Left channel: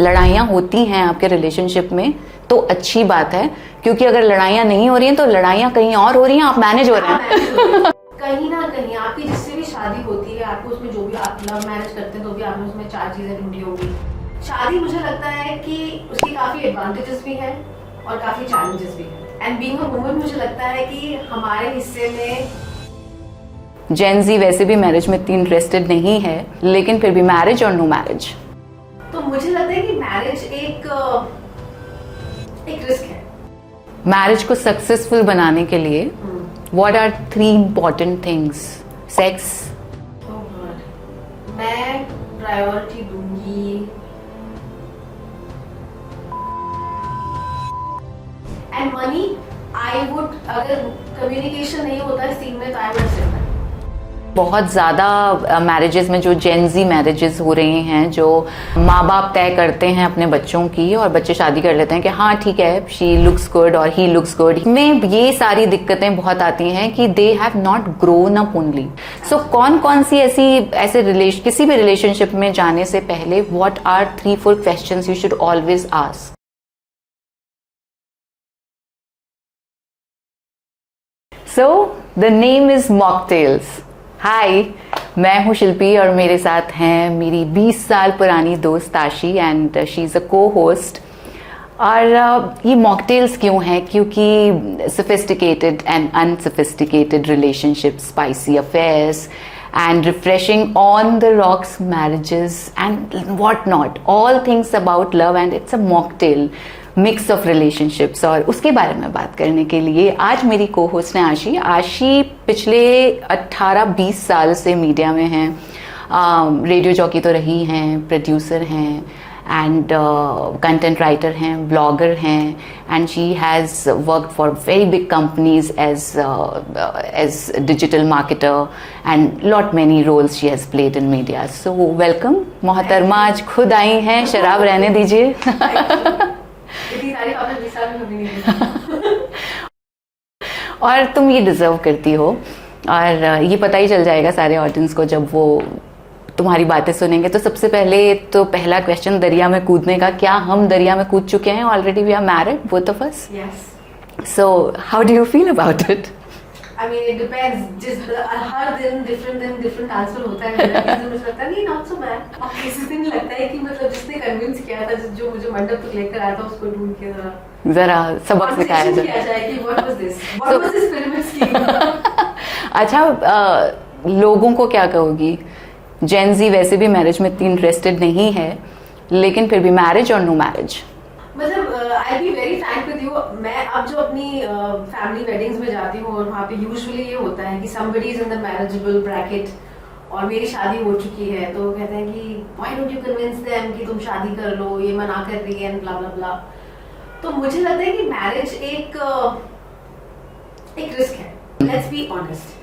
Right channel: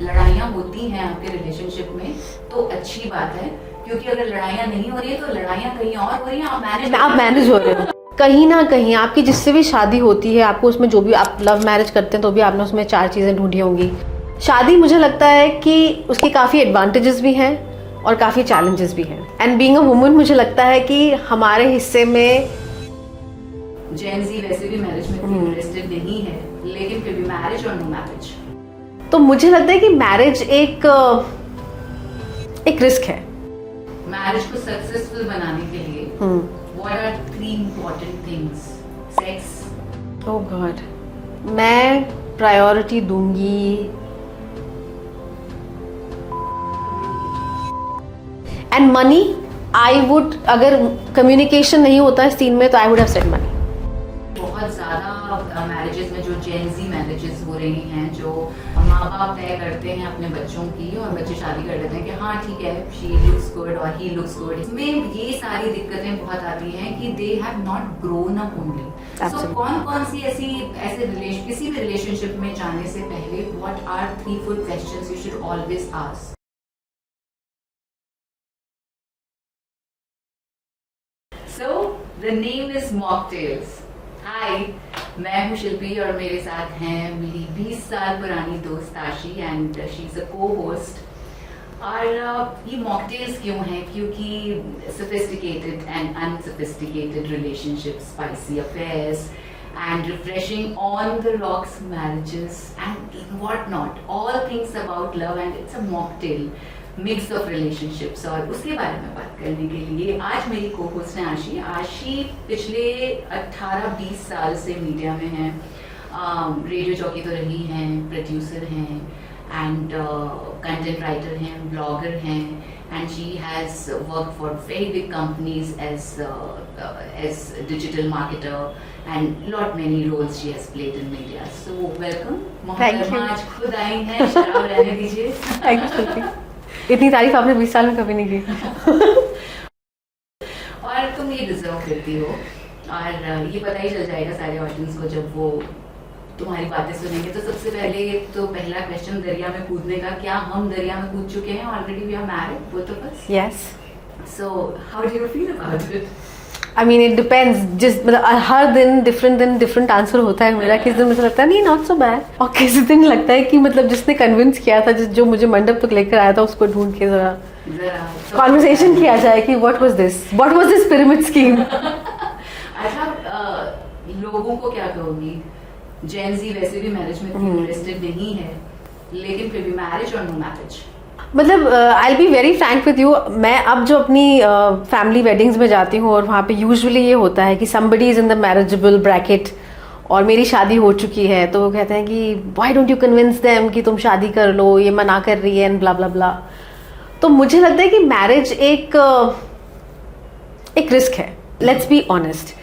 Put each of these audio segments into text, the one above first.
लड़ाइयाँ होती हैं आपके रिलेशनशिप में तो अच्छी बात है, क्योंकि अगर लड़ाइयाँ नहीं हो रही हैं तो लड़ाइयाँ कहीं और हो रही हैं, आप मैनेज हो रहे हैं। कहीं ना कहीं आपकी जिससे भी शादी होती है, आपको उसमें जो भी आप लव मैरिज करते हैं तो भी आपने उसमें 4 चीज़ें ढूंढी होंगी। शादी मुझे लगता है कि उसके काफ़ी एडवांटेजेस भी हैं और काफ़ी चैलेंजेस भी हैं। एंड बीइंग अ वुमन मुझे लगता है कि हमारे हिस्से में जेन ज़ी वैसे भी मैरिज में इतनी इंटरेस्टेड नहीं है, लेकिन फिर भी मैरिज और नो मैरिज, तो मुझे लगता है कि मैरिज एक रिस्क है। मैरिज को सक्सेसफुल बनाने के लिए what are 3 important things? Sex, oh God, मैं प्रायोरिटी दूंगी एंड मनी। आई वुड, अगर कम्युनिकेशन नहीं होता इस सीन में तो I would have said money. बहुत ज़्यादा मैरिजेस में जो जेन ज़ी मैरिजेस हो रही हैं, जो माँ बाप तय करते हैं अपने बच्चों की और बच्चे शादी कर लेते हैं कि हाँ ठीक है, शी लुक्स गुड और ही लुक्स गुड, में ये सारी दिक्कतें बहुत आती हैं कि they have not grown up only. So कौन सी ऐसे किसी भी रिलेशनशिप में जाने से पहले what are 3-4 questions you should always ask? So, the name is Mocktails. हाय, मैं हूँ शिल्पी और मेरे साथ हैं मेरी 20 साल पुरानी दोस्त आशी एंड शी इज़ अ को होस्ट। और ये मॉकटेल्स क्यों है? क्योंकि sophisticated and unsophisticated relationship, spicy affairs and refreshing on the rocks marriages and what not, all things about love, and it's a mocktail mix of relationships। और उसके बारे में बात करने के लिए आज मेरी को होस्ट है आशी पिछले 18-20 साल से मीडिया में हैं, रेडियो जॉकी तो रही हैं, प्रोड्यूसर हैं एंड कंटेंट राइटर हैं, ब्लॉगर हैं, and she has worked for very big companies as digital marketer and lot many roles she has played in media. So welcome मोहतरमा, आज खुद आई हैं, शराब रहने दीजिए। इतनी तारीफ आपने 20 साल में कभी नहीं की। और तुम ये डिजर्व करती हो, और ये पता ही चल जाएगा सारे ऑडियंस को जब वो तुम्हारी बातें सुनेंगे। तो सबसे पहले तो पहला क्वेश्चन दरिया में कूदने का, क्या हम दरिया में कूद चुके हैं already? We are married both of us. Yes. So how do you feel about it? I mean it depends, जिस मतलब हर दिन डिफरेंट आंसर होता है मेरा। किसी दिन मुझे लगता है नहीं नॉट सो बैड, और किसी दिन लगता है कि मतलब जिसने कन्विंस किया था, जो मुझे मंडप तक लेकर आया था, उसको ढूंढ के जरा कॉन्वर्सेशन किया जाए कि what was this pyramid scheme. अच्छा, लोगों को क्या कहोगी? जेन ज़ी वैसे भी मैरिज में इतनी इंटरेस्टेड नहीं है, लेकिन फिर भी मैरिज और नो मैरिज, मतलब I will be very Frank with you. मैं अब जो अपनी फैमिली वेडिंग्स में जाती हूँ और वहाँ पे यूजुअली ये होता है कि somebody is in the marriageable bracket और मेरी शादी हो चुकी है, तो वो कहते हैं कि why don't you convince them कि तुम शादी कर लो, ये मना कर रही है एंड ब्ला ब्ला ब्ला। तो मुझे लगता है कि मैरिज एक रिस्क है, लेट्स बी ऑनेस्ट।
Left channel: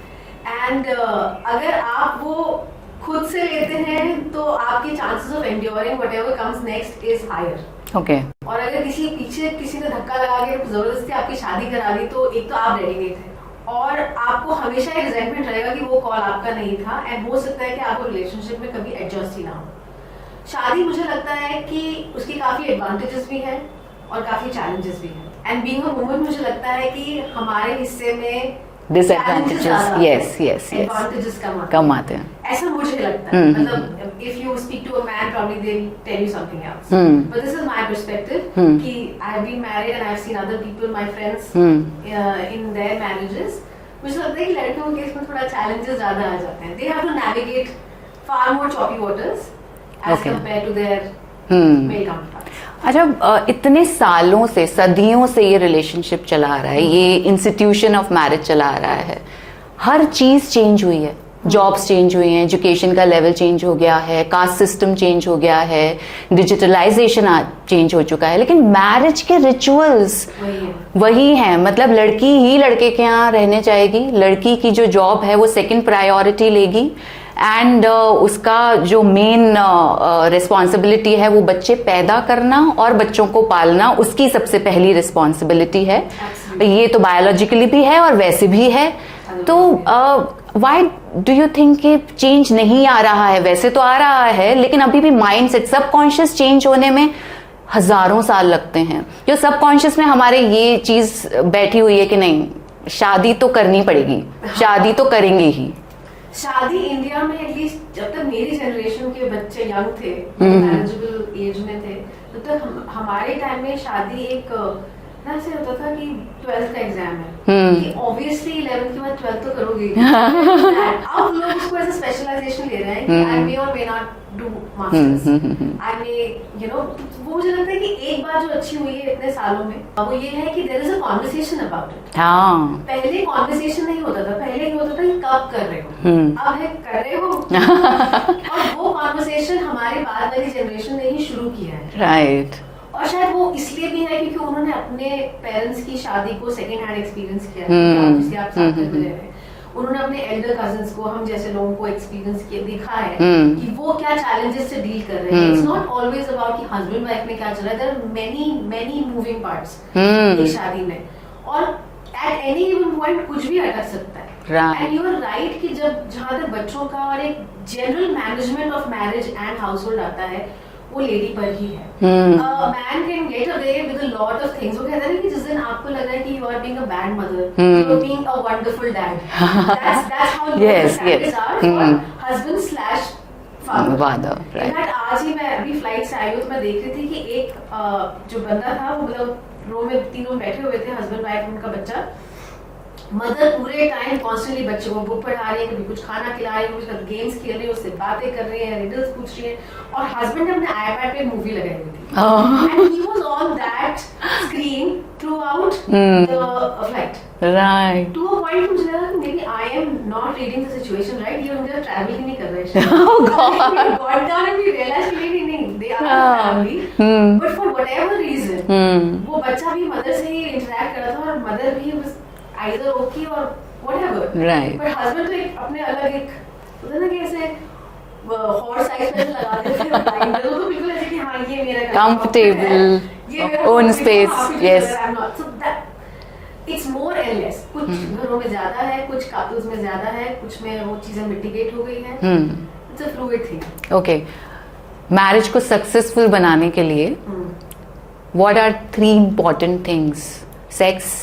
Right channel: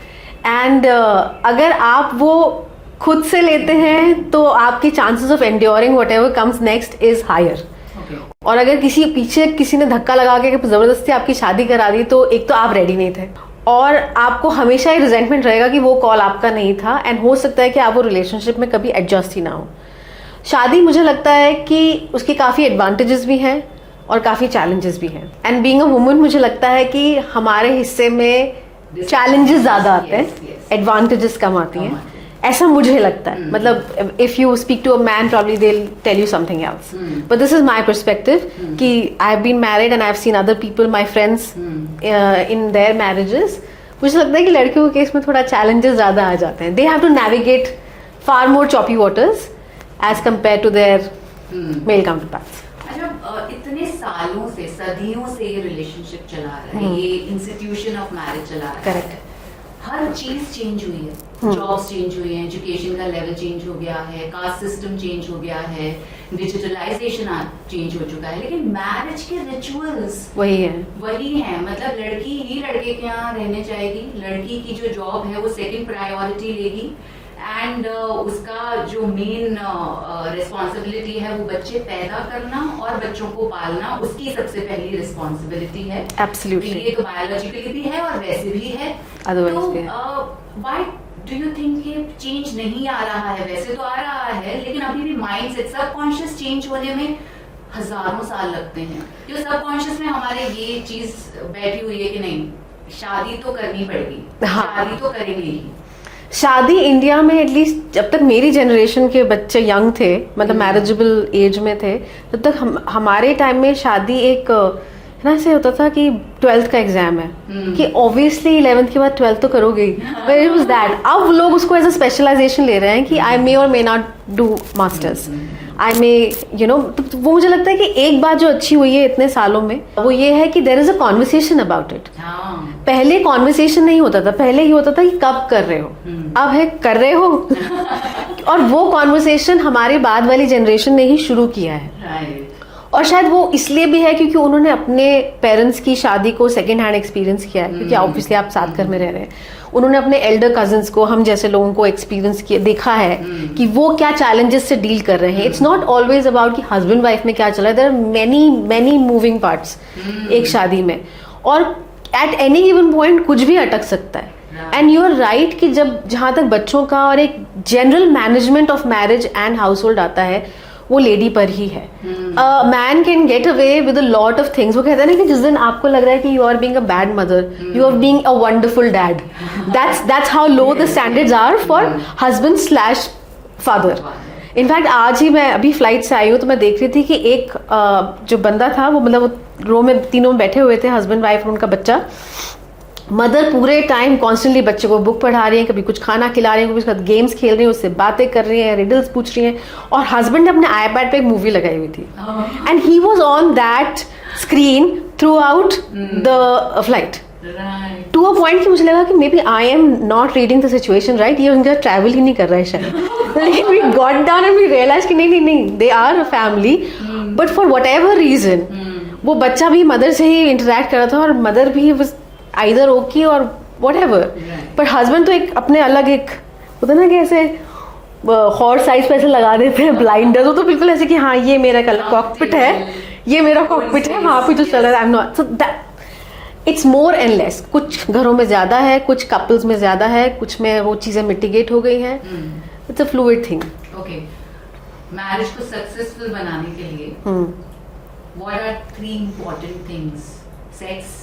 एंड अगर आप वो खुद से लेते हैं तो आपके chances of enduring whatever comes next is higher. Okay. और अगर किसी ने धक्का लगा के जबरदस्ती आपकी शादी करा दी, तो एक तो आप रेडी नहीं थे और आपको हमेशा ये रिजेंटमेंट रहेगा कि वो कॉल आपका नहीं था, एंड हो सकता है कि आप वो रिलेशनशिप में कभी एडजस्ट ही ना हो। शादी मुझे लगता है कि उसके काफ़ी एडवांटेजेस भी हैं और काफ़ी चैलेंजेस भी हैं। एंड बीइंग अ वुमन मुझे लगता है कि हमारे हिस्से में चैलेंजेस ज्यादा आते हैं, एडवांटेजेस कम आते हैं, ऐसा मुझे लगता है। मतलब if you speak to a man probably they will tell you something else, but this is my perspective कि I have been married and I have seen other people, my friends in their marriages. मुझे लगता है कि लड़कियों के case में थोड़ा challenges ज्यादा आ जाते हैं। They have to navigate far more choppy waters as compare to their male counterparts. अच्छा, इतने सालों से, सदियों से ये रिलेशनशिप चला आ रहा है, ये इंस्टीट्यूशन ऑफ मैरिज चला आ रहा है, हर चीज चेंज हुई है, जॉब्स चेंज हुई हैं, एजुकेशन का लेवल चेंज हो गया है, कास्ट सिस्टम चेंज हो गया है, डिजिटलाइजेशन चेंज हो चुका है, लेकिन मैरिज के रिचुअल्स वही है। मतलब लड़की ही लड़के के यहाँ रहने जाएगी, लड़की की जो जॉब है वो सेकंड प्रायोरिटी लेगी, एंड उसका जो मेन रिस्पॉन्सिबिलिटी है वो बच्चे पैदा करना और बच्चों को पालना, उसकी सबसे पहली रिस्पॉन्सिबिलिटी है। Absolutely. ये तो बायोलॉजिकली भी है और वैसे भी है। तो डू यू थिंक कि चेंज नहीं आ रहा है? वैसे तो आ रहा है, लेकिन अभी भी माइंड सेट सबकॉन्शियस चेंज होने में हजारों साल लगते हैं। जो सबकॉन्शियस में हमारे ये चीज बैठी हुई है कि नहीं, शादी तो करनी पड़ेगी, शादी तो करेंगे ही। शादी इंडिया में एटलीस्ट जब तक मेरी जनरेशन के बच्चे यंग थे, मतलब मैरिजेबल एज में थे, तब तक हमारे टाइम में शादी एक ना ऐसे होता था कि 12th का एग्जाम है कि ऑब्वियसली 11th के बाद 12th तो करोगे। अब लोग उसको एज अ स्पेशलाइजेशन ले रहे हैं कि आई मे और may not do masters, I may you know. वो मुझे लगता है कि एक बात जो अच्छी हुई है इतने सालों में, वो ये है कि there is a conversation about it. पहले कॉन्वर्सेशन नहीं होता था, पहले ये होता था कि कब कर रहे हो, अब है कर रहे हो। और वो कॉन्वर्सेशन हमारे बाद वाली जनरेशन ने ही शुरू किया है, राइट। और शायद वो इसलिए भी है क्योंकि उन्होंने अपने पेरेंट्स की शादी को सेकेंड हैंड एक्सपीरियंस किया है, क्योंकि ऑब्वियसली आप साथ घर में रह रहे हैं। उन्होंने अपने एल्डर कजिन्स को, हम जैसे लोगों को एक्सपीरियंस किया, देखा है कि वो क्या चैलेंजेस से डील कर रहे हैं। इट्स नॉट ऑलवेज अबाउट कि हस्बैंड वाइफ में क्या चल रहा है, there are many moving parts एक शादी में, और एट एनी गिवन पॉइंट कुछ भी अटक सकता है। एंड यू आर राइट कि जब जहां तक बच्चों का और एक general management of marriage and house hold आता है, वो लेडी पर ही है। Man can get away with a lot of things. वो कहते हैं ना कि जिस दिन आपको लग रहा है कि you are being a bad mother, you are being a wonderful dad. That's how low the standards are for husband slash father. In fact आज ही मैं अभी फ्लाइट से आई हूँ, तो मैं देख रही थी कि एक जो बंदा था, वो मतलब रो में तीनों बैठे हुए थे, हस्बैंड वाइफ और उनका बच्चा। मदर पूरे टाइम कॉन्स्टेंटली बच्चे को बुक पढ़ा रही है, कभी कुछ खाना खिला रही है, कभी उसके साथ गेम्स खेल रही है, उससे बातें कर रही है, रिडल्स पूछ रही है। और हस्बैंड ने अपने आईपैड पे एक मूवी लगाई हुई थी, and he was on that screen throughout the flight, right, to a point कि मुझे लगा कि maybe I am not reading the situation right, ये उनका ट्रैवल ही नहीं कर रहा है शायद। We got down and we realise कि नहीं, they are a family, but for whatever reason वो बच्चा भी मदर से ही इंटरेक्ट कर रहा था, और मदर भी वाज आइदर ओके और व्हाटएवर, पर हस्बैंड तो एक अपने अलग एक होता है ना कि ऐसे हॉर्स साइज पे ऐसे लगा देते हैं ब्लाइंडर, तो बिल्कुल ऐसे कि हाँ ये मेरा कॉकपिट है, ये मेरा कॉकपिट है, हाँ कुछ colour, I am not, so that it's more and less. कुछ घरों में ज्यादा है, कुछ कपल्स में ज्यादा है, कुछ में वो चीजें मिटिगेट हो गई हैं। It's a fluid thing. Okay, marriage को सक्सेसफुल बनाने के लिए what are 3 important things? Sex,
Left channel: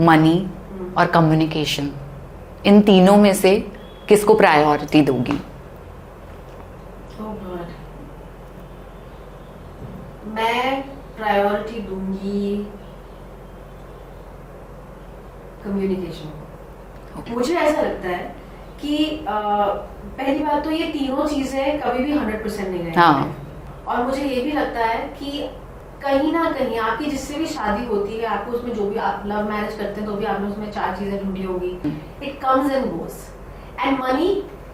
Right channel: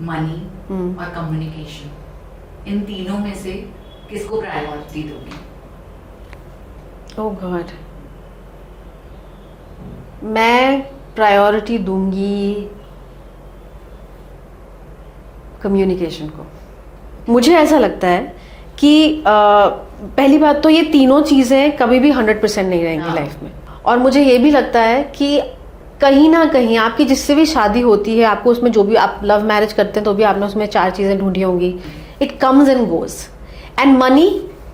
money और कम्युनिकेशन। इन तीनों में से किसको प्रायोरिटी दोगी? ओह गॉड, मैं प्रायोरिटी दूंगी कम्युनिकेशन को। मुझे ऐसा लगता है कि पहली बात तो ये तीनों चीजें कभी भी 100% नहीं रहेंगी लाइफ में, और मुझे ये भी लगता है कि कहीं ना कहीं आपकी जिससे भी शादी होती है, आपको उसमें जो भी आप लव मैरिज करते हैं तो भी आपने उसमें 4 चीजें ढूंढी होंगी, it comes and goes. And money,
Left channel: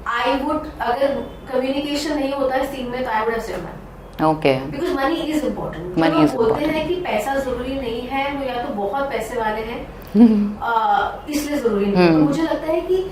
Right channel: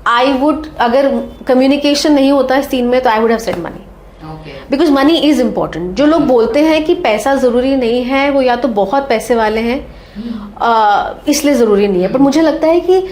I would, अगर कम्युनिकेशन नहीं होता इस सीन में तो I would have said money, okay, because money is important. जो लोग बोलते हैं कि पैसा जरूरी नहीं है, वो या तो बहुत पैसे वाले हैं इसलिए जरूरी नहीं है, पर मुझे लगता है कि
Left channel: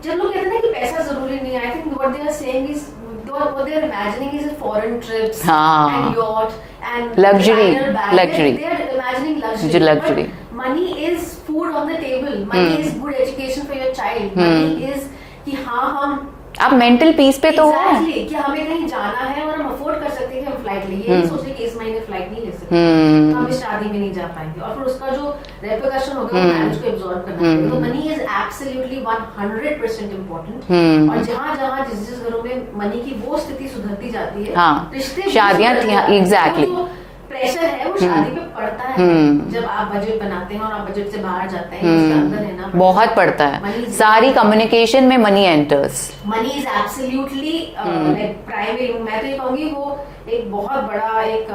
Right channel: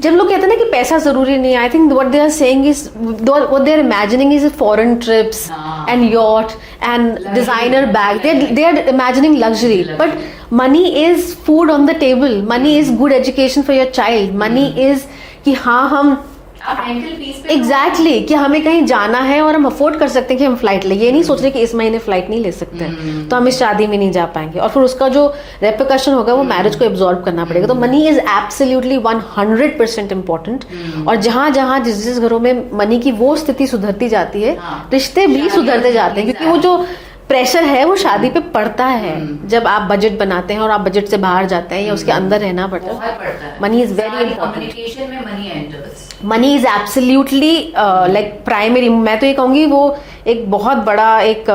जब लोग कहते हैं ना कि पैसा जरूरी नहीं है, I think what they are saying is, what they are imagining is foreign trips and yacht and designer bag, they are imagining luxury, but money is food on the table, money is good education for your child, money is कि हाँ हम आप mental peace पे exactly कि हमें कहीं जाना है और हम अफोर्ड कर सकते हैं कि हम फ्लाइट ले, ये नहीं सोच रहे कि इस महीने फ्लाइट नहीं ले सकते तो हम इस शादी में नहीं जा पाएंगे, और फिर उसका जो रेपरकशन होगा वो मैरिज को एब्जॉर्ब करना पड़ेगा। तो मनी इज एब्सोल्युटली 100% इम्पोर्टेंट, और जहां जहां जिस जिस घरों में मनी की वो स्थिति सुधरती जाती है, रिश्ते भी सुधरते जाते हैं, क्योंकि वो जो प्रेशर है वो शादी पे पड़ता है। जब आप बजट बनाते हैं और आप बजट से बाहर जाते हैं या उसके अंदर रहना पड़ता है, बहुत पड़ता है। मनी सारी कम्युनिकेशन में money enters, money is absolutely like primary. मैं तो ये कहूंगी वो एक बहुत बड़ा एक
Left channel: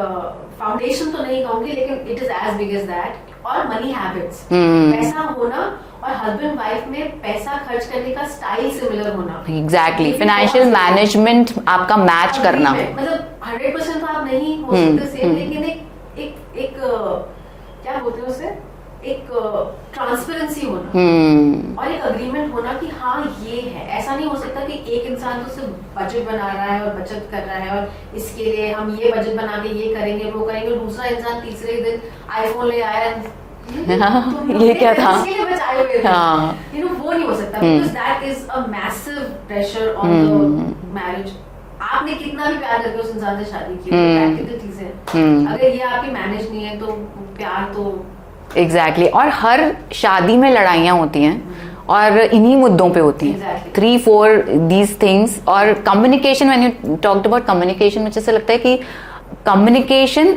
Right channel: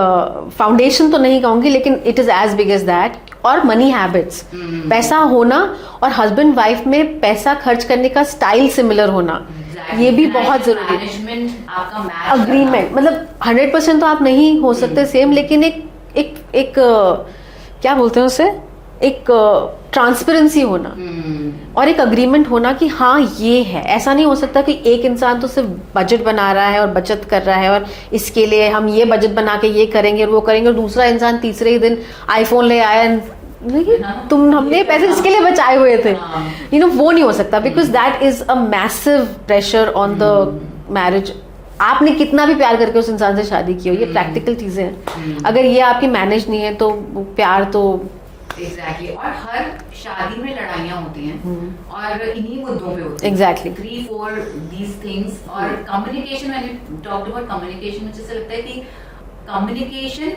फाउंडेशन तो नहीं कहूंगी, लेकिन it is as big as that. और मनी हैबिट्स, पैसा होना और हस्बैंड वाइफ में पैसा खर्च करने का स्टाइल सिमिलर होना, एग्जैक्टली, फाइनेंशियल मैनेजमेंट आपका मैच करना, मतलब 100% तो आप नहीं हो सकते सेम, लेकिन एक क्या बोलते हैं उसे, एक ट्रांसपेरेंसी होना और एक अग्रीमेंट होना कि हाँ ये है। ऐसा नहीं हो सकता कि एक इंसान तो सिर्फ बजट बना रहा है और बचत कर रहा है और इसके लिए हम ये बजट बना के ये करेंगे और वो करेंगे, और दूसरा इंसान तीसरे ही दिन आईफोन ले आया, तुम हमने पैसे इसके लिए बचाए हुए थे, हाँ। यू नो, वो नहीं हो सकता, because that is a massive pressure on the marriage. आपने कितना भी प्यार करके उस इंसान से शादी की हो, ये प्रैक्टिकल चीजें हैं, अगर ये आपकी मैनेज नहीं है तो प्यार तो एग्जैक्टली और हर शादी में लड़ाइयाँ होती हैं और इन्हीं मुद्दों पे होती हैं। Exactly. 3-4 these things. और communication, when you talked about communication, मुझे ऐसा लगता है कि कम्युनिकेशन,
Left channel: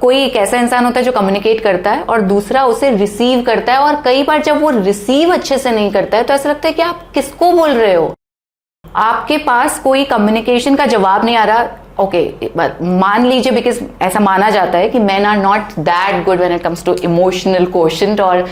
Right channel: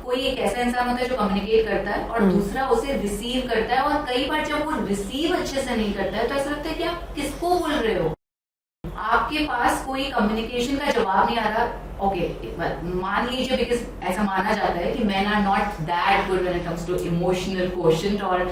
कोई एक ऐसा इंसान होता है जो कम्युनिकेट करता है और दूसरा उसे रिसीव करता है, और कई बार जब वो रिसीव अच्छे से नहीं करता है तो ऐसा लगता है कि आप किसको बोल रहे हो, आपके पास कोई कम्युनिकेशन का जवाब नहीं आ रहा। ओके, मान लीजिए, बिकॉज ऐसा माना जाता है कि men are not that good when it comes to emotional quotient, और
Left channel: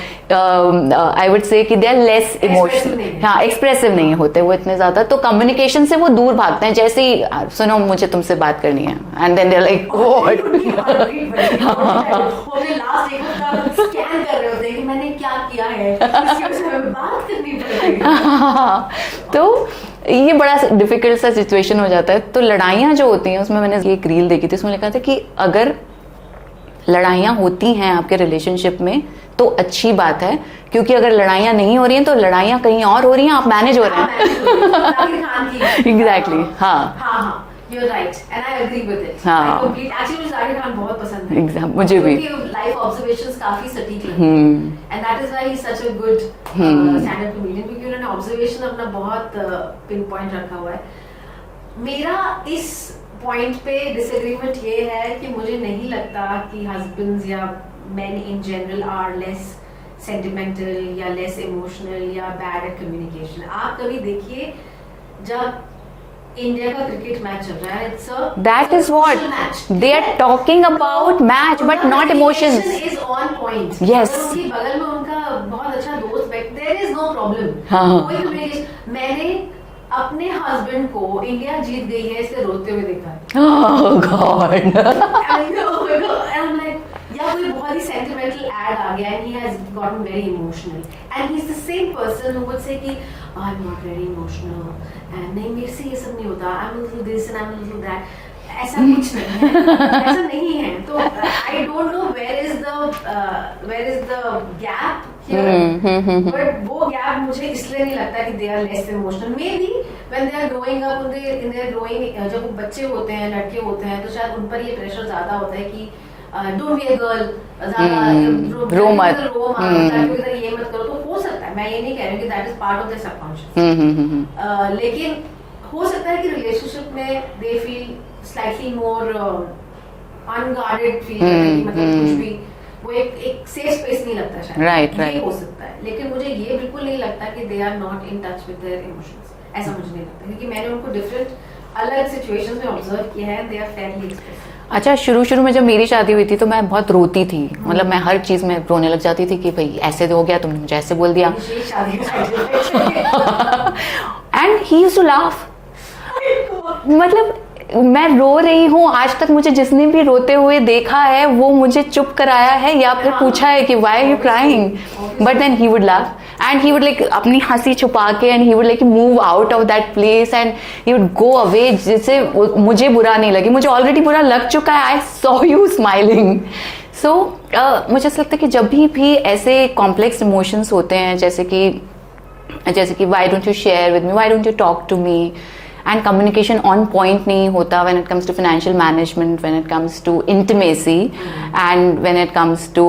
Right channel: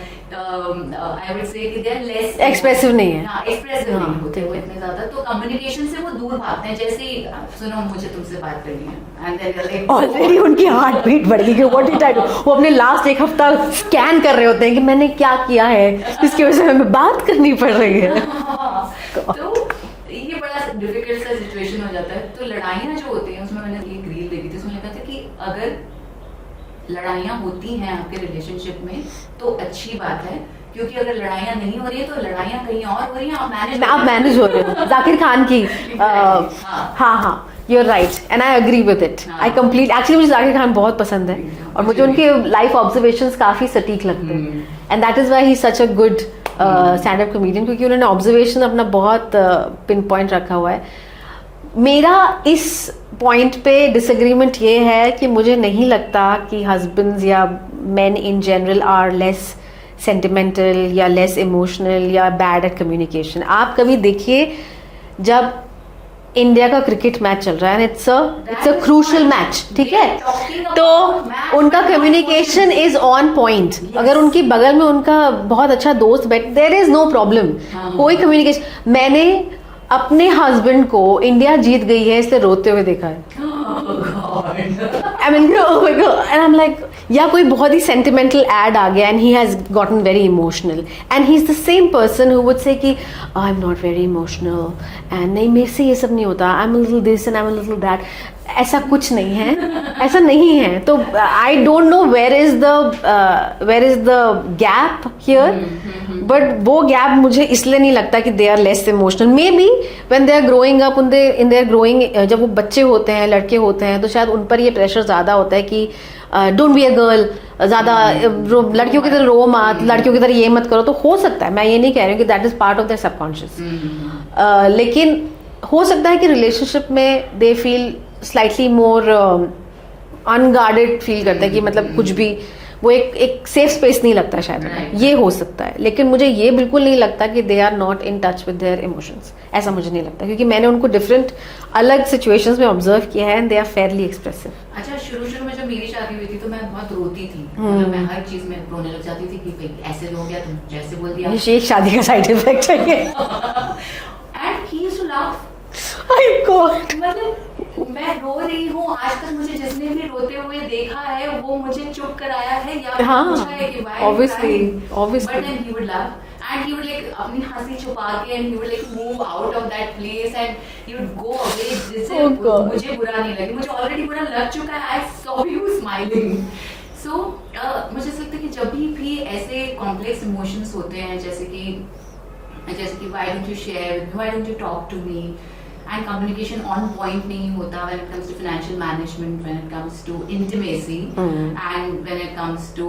I would say कि they are less Expressive नहीं है। हाँ, एक्सप्रेसिव नहीं होते वो इतने ज्यादा, तो कम्युनिकेशन से वो दूर भागते हैं। जैसे ही सुनो मुझे तुमसे बात करनी है, and then they are like उनकी हार्ट बीट बढ़ गई, वो अपने लास्ट एक हफ्ता स्कैन कर रहे होते हैं कि मैंने क्या किया है, इसकी वजह से हमें बात करनी पड़ रही है। तो ये बड़ा डिफिकल्ट सा सिचुएशन हो जाता है। तो लड़ाइयाँ जो होती हैं, उसमें मैंने एक रील देखी थी, उसमें लिखा था कि अगर लड़ाइयाँ होती हैं आपके रिलेशनशिप में तो अच्छी बात है, क्योंकि अगर लड़ाइयाँ नहीं हो रही हैं तो लड़ाइयाँ कहीं और हो रही हैं, आप मैनेज हो रहे हैं। जाकिर खान की एग्जैक्टली, हाँ, You're right, and I agree with it. हाँ. I complete. Actually, मुझे जाकिर खान बहुत पसंद है। मुझे उनके लाइफ ऑब्जर्वेशंस काफी सटीक लगते हैं, and that is why he's such a good stand-up comedian, क्योंकि उन्होंने ऑब्जर्वेशन अपना बहुत पिन पॉइंट रखा हुआ है। मेरा इस पॉइंट पे डिसएग्रीमेंट ये है कि मुझे नहीं लगता कि हस्बैंड्स या men in general are less sentimental या less emotional या bad at communication। आप कभी देखिए जब इंडिया का क्रिकेट मैच चल रहा है, it's a crucial match, they are talking about match, उनका कम्युनिकेशन इज ऑन पॉइंट। अगर उनकी बगल में उनका बहुत अच्छा दोस्त बैठ, देयर इज नो प्रॉब्लम, कोई कम्युनिकेशन। मैंने अपने हस्बैंड को इंडिया जीत गई है इसलिए रोते हुए देखा है। Oh God. I mean, oh my God. And I'm like, या कोई बहुत ही sentimental ad आ गया and he has gotten very emotional and he's the same person who would say कि oh, I'm not very emotional and नहीं, मेरे से ये सब नहीं होता, I'm a little this and I'm a little that। ऐसा कुछ नहीं है, ऐसा नहीं है। तो I don't know where is the gap here, but वो gap मुझे इसलिए नहीं लगता कि they are less emotional। Maybe when they are growing up, in their growing, जब वो बच्चे होते हैं, लड़के होते हैं, तो शायद उन पर ये प्रेशर ज्यादा होता है कि डोंट बी अ गर्ल, ज्यादा लड़कियों की तरह रो मत, लड़कियों की तरह ये मत करो। तो हो सकता है, मैं ये नहीं कह रही हूँ कि that is part of their subconscious, लेकिन हो सकता है कि रिलेशनशिप में they feel slightly more unguarded feel करते हैं कि मतलब कुछ भी, वो एक सेफ स्पेस नहीं लगता शायद। right, ये हो सकता है, लेकिन मुझे ये बिल्कुल नहीं लगता कि they are not in touch with their emotions. ऐसा मुझे नहीं लगता, क्योंकि मैंने उनको डिफरेंट अलग सिचुएशंस में ऑब्जर्व किया है and they are fairly expressive. अच्छा, शुरू में जब मेरी शादी हुई थी तो मैं बहुत रोती थी, मतलब मैं हर चीज में रोने लग जाती थी कि भाई ऐसे हो गया, तुमने मुझे ऐसे बोल दिया। ये शादी का साइड इफेक्ट है। And he used to laugh. मतलब मैं रो रही हूँ, आज तक मुझे जिसने भी रोते हुए देखा है वो मुझे चुप कराया है या फिर पूछा है कि why you crying, but then he would laugh and he would like अपनी हंसी छुपा के and he would like move out of that place and he would go away, जिससे मुझे बुरा नहीं लगे। मुझे ऑलरेडी बुरा लग चुका है, आई सॉ यू स्माइलिंग। सो मुझे ऐसा लगता है कि जब भी ऐसे कॉम्प्लेक्स इमोशंस होते हैं, जैसे कि why don't you share with me, why don't you talk to me, and communication on point नहीं होता when it comes to financial management, when it comes to intimacy and when it comes to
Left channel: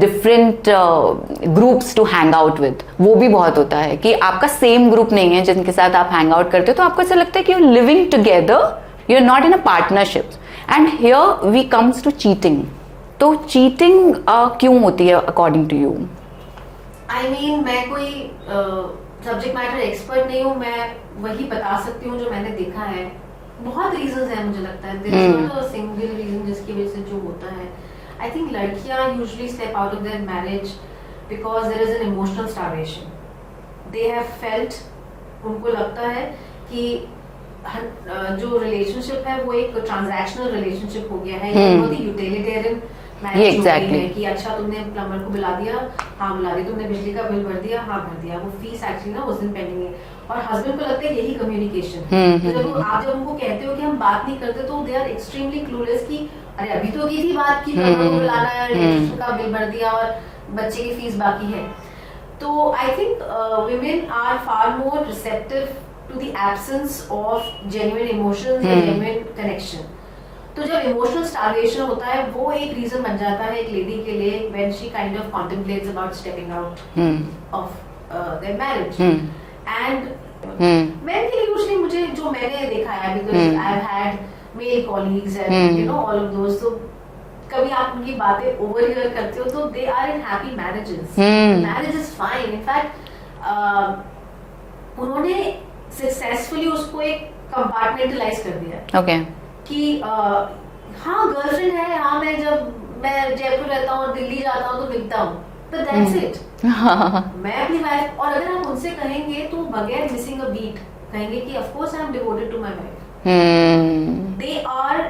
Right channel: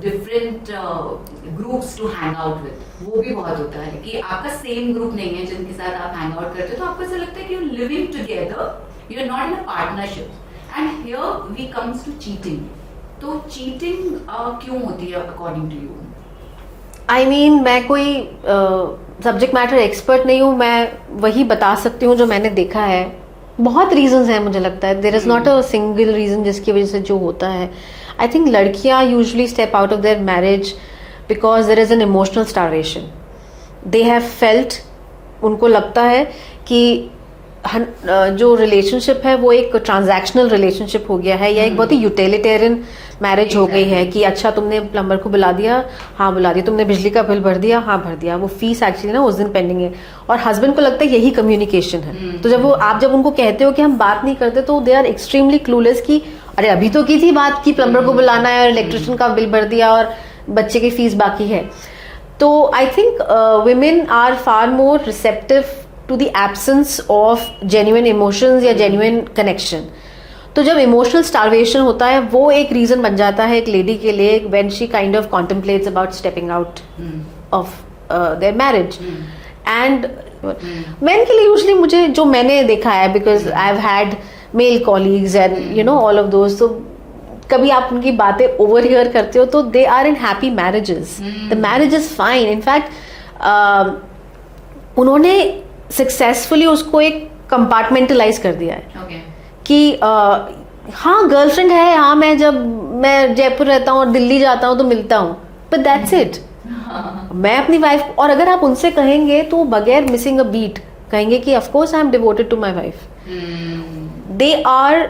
different groups to hang out with, वो भी बहुत होता है कि आपका same group नहीं है जिनके साथ आप हैंग आउट करते हो, तो आपको ऐसा लगता है कि you are living together, you are not in a partnership. And here we comes to cheating. तो चीटिंग क्यों होती है according to you? I mean, मैं कोई सब्जेक्ट मैटर एक्सपर्ट नहीं हूँ, मैं वही बता सकती हूँ जो मैंने देखा है। बहुत रीजंस हैं मुझे लगता है, there is not a single reason जिसकी वजह से जो होता है। आई थिंक लड़कियाँ usually step out of their marriage because there is an emotional starvation. They have felt, उनको लगता है कि जो रिलेशनशिप है वो एक ट्रांजैक्शनल रिलेशनशिप हो गया है या एक बहुत ही यूटिलिटेरियन मैरिज हो गई है कि अच्छा तुमने प्लम्बर को बुला दिया, हाँ बुला दिया, तुमने बिजली का बिल भर दिया, हाँ भर दिया, वो फीस एक्चुअली ना उस दिन पेंडिंग है। और हस्बैंड को लगता है यही कम्युनिकेशन है। तो जब आप जब उनको कहते हो कि हम बात नहीं करते, तो दे आर एक्सट्रीमली क्लूलेस कि अरे अभी तो की थी बात की प्लम्बर को बुलाना है और इलेक्ट्रिशियन का बिल भर दिया और बच्चे की फीस बाकी है. तो I think women are far more receptive to the absence of genuine emotions या जेन्युइन कनेक्शन. तो जब इमोशनल स्टार्वेशन होता है वो एक रीजन बन जाता है एक लेडी के लिए when she kind of contemplates about stepping out of their marriage. And men के लिए यूजुअली मुझे जो मैंने देखा है, because I have had male colleagues and you know all of दोस्त, तो कभी आप उनकी बातें ओवरहियर करते हो तो they are in happy marriages. The marriage is fine. In fact उन्होंने सक्सेसफुली उसको एक कंपार्टमेंटलाइज कर दिया है. ओके. कि हाँ गर्लफ्रेंड है, हाँ मैं जयपुर रहता हूँ और दिल्ली जाता हूँ तो मिलता हूँ, बट दैट्स इट. मैं अपनी वाइफ, और अगर आप उनसे कहेंगे तो बगैर मिसिंग अ बीट कहेंगे कि of course I am devoted to my wife. They are,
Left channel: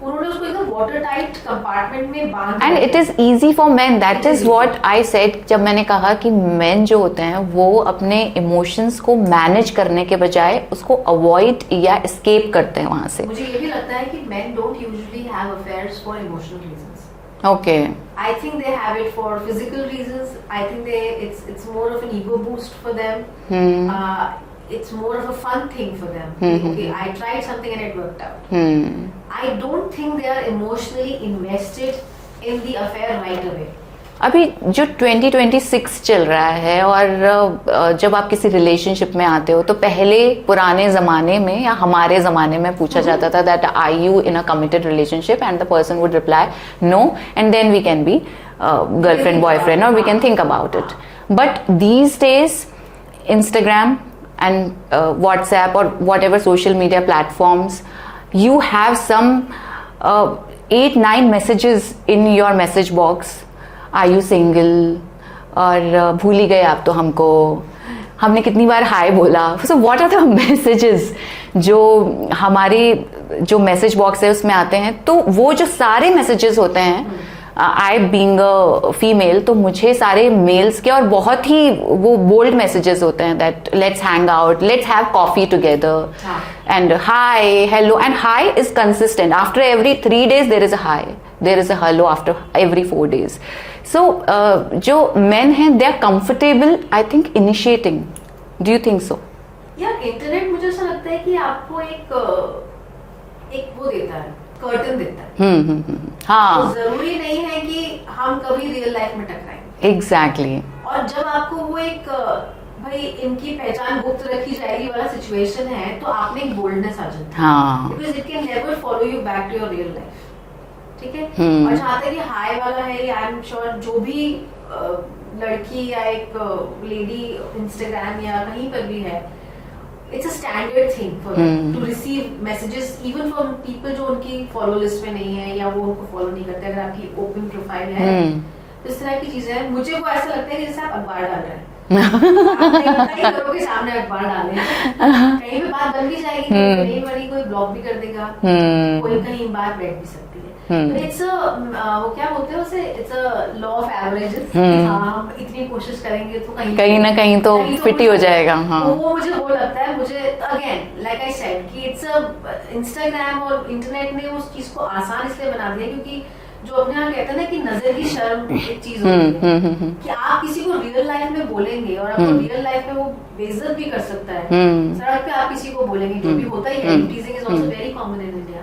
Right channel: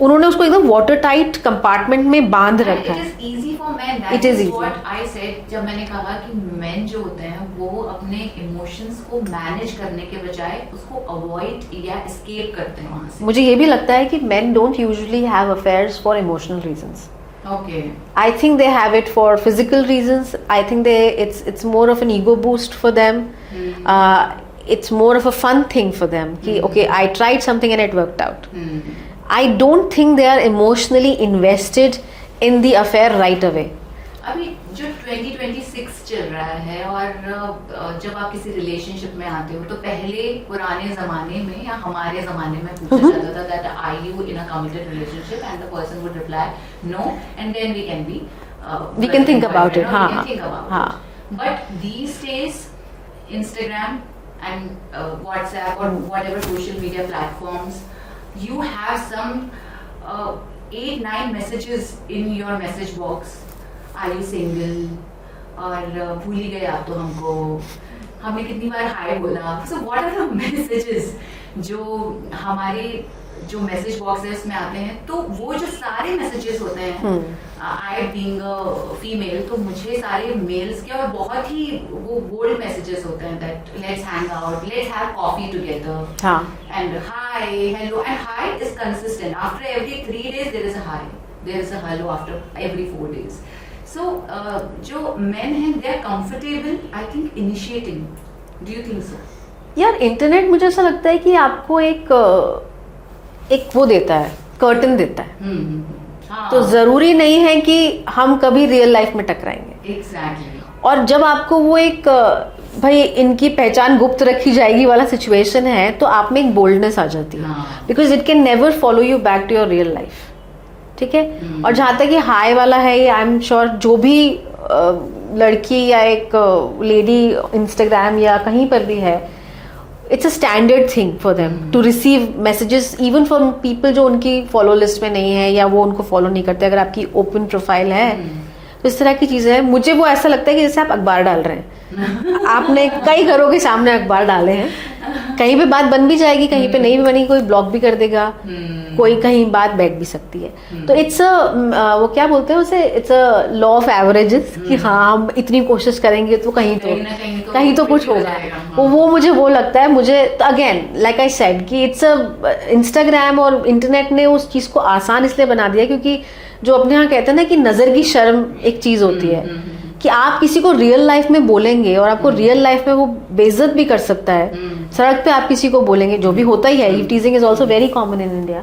उन्होंने उसको एकदम वाटर टाइट कंपार्टमेंट में बांध and it is easy for man. That is what I said जब मैंने कहा कि मेन जो होते हैं वो अपने इमोशंस को मैनेज करने के बजाय उसको अवॉइड या एस्केप करते हैं वहां से. मुझे ये भी लगता है कि main don't usually have affairs for emotional reasons. Okay. I think they have it for physical reasons. I think it's more of an ego boost for them. It's more of a fun thing for them. Okay, I tried something and it worked out. I don't think they are emotionally invested in the affair right away. अभी जो 2026 चल रहा है और जब आप किसी relationship में आते हो तो पहले पुराने जमाने में या हमारे जमाने में पूछा जाता था that are you in a committed relationship and the person would reply no and then we can be girlfriend boyfriend और we can think about it. But these days Instagram and WhatsApp or whatever social media platforms, you have some 8-9 messages in your message box. Are you single? और भूल ही गए आप तो हमको, हमने कितनी बार हाय बोला. So what are the messages जो हमारे जो मैसेज बॉक्स है उसमें आते हैं. तो वो जो सारे मैसेजेस होते हैं, आई बीइंग अ फीमेल, तो मुझे सारे मेल्स के और बहुत ही वो बोल्ड मैसेजेस होते हैं that let's hang out, let's have coffee together and hi hello. And hi is consistent. After every 3 days there is a hi, there is a hello after every 4 days. So जो men हैं they are comfortable I think initiating. Do you think so? यार internet मुझे ऐसा लगता है कि आपको एक वो देता है, कर्टन देता है. हाँ. तो जरूरी नहीं है कि हम कभी रियल लाइफ में टकराएंगे. एग्जैक्टली. और जब आपको वो एक भाई इनकी पहचान गुप्त रखी जाएगी वाला सिचुएशन है तो आप में एक बोल्डनेस आ जाती है. Because it can never follow you back to your real life. ठीक है. और जहां तक ये हाई वाला है, आई एम श्योर जो भी लड़की या एक लेडी इंस्टाग्राम या कहीं पर भी है, it's a standard thing for them to receive messages even from people जो उनकी फॉलो लिस्ट में नहीं है या वो उनको फॉलो नहीं करते. अगर आपकी ओपन प्रोफाइल है तो इस तरह की चीजें हैं. मुझे वो ऐसा लगता है कि जैसे आप अखबार डाल रहे हैं. आपने कई घरों के सामने अखबार डाले हैं. कहीं पे बात बन भी जाएगी, कहीं पे नहीं भी बनेगी, कोई ब्लॉक भी कर देगा, कोई कहीं बात बैठ भी सकती है. तो इट्स वो क्या बोलते हैं उसे, it's a law of averages कि हाँ हम इतनी कोशिश करेंगे तो कहीं ना कहीं तो फिट ही हो जाएगा. तो वो मुझे वो लगता है. मुझे अगेन लाइक आई सेड कि इट्स अ इंस्टाग्राम और इंटरनेट ने उस चीज को आसान इसलिए बना दिया क्योंकि जो अपने यहाँ कहते हैं ना कि नजर की शर्म एक चीज होती है कि आप किसी को रियल लाइफ में बोलेंगे और आपको रियल लाइफ में वो बेइज्जत भी कर सकता है. सड़क पे आप किसी को बोलेंगे, जो भी होता ही है, teasing is also very common in India.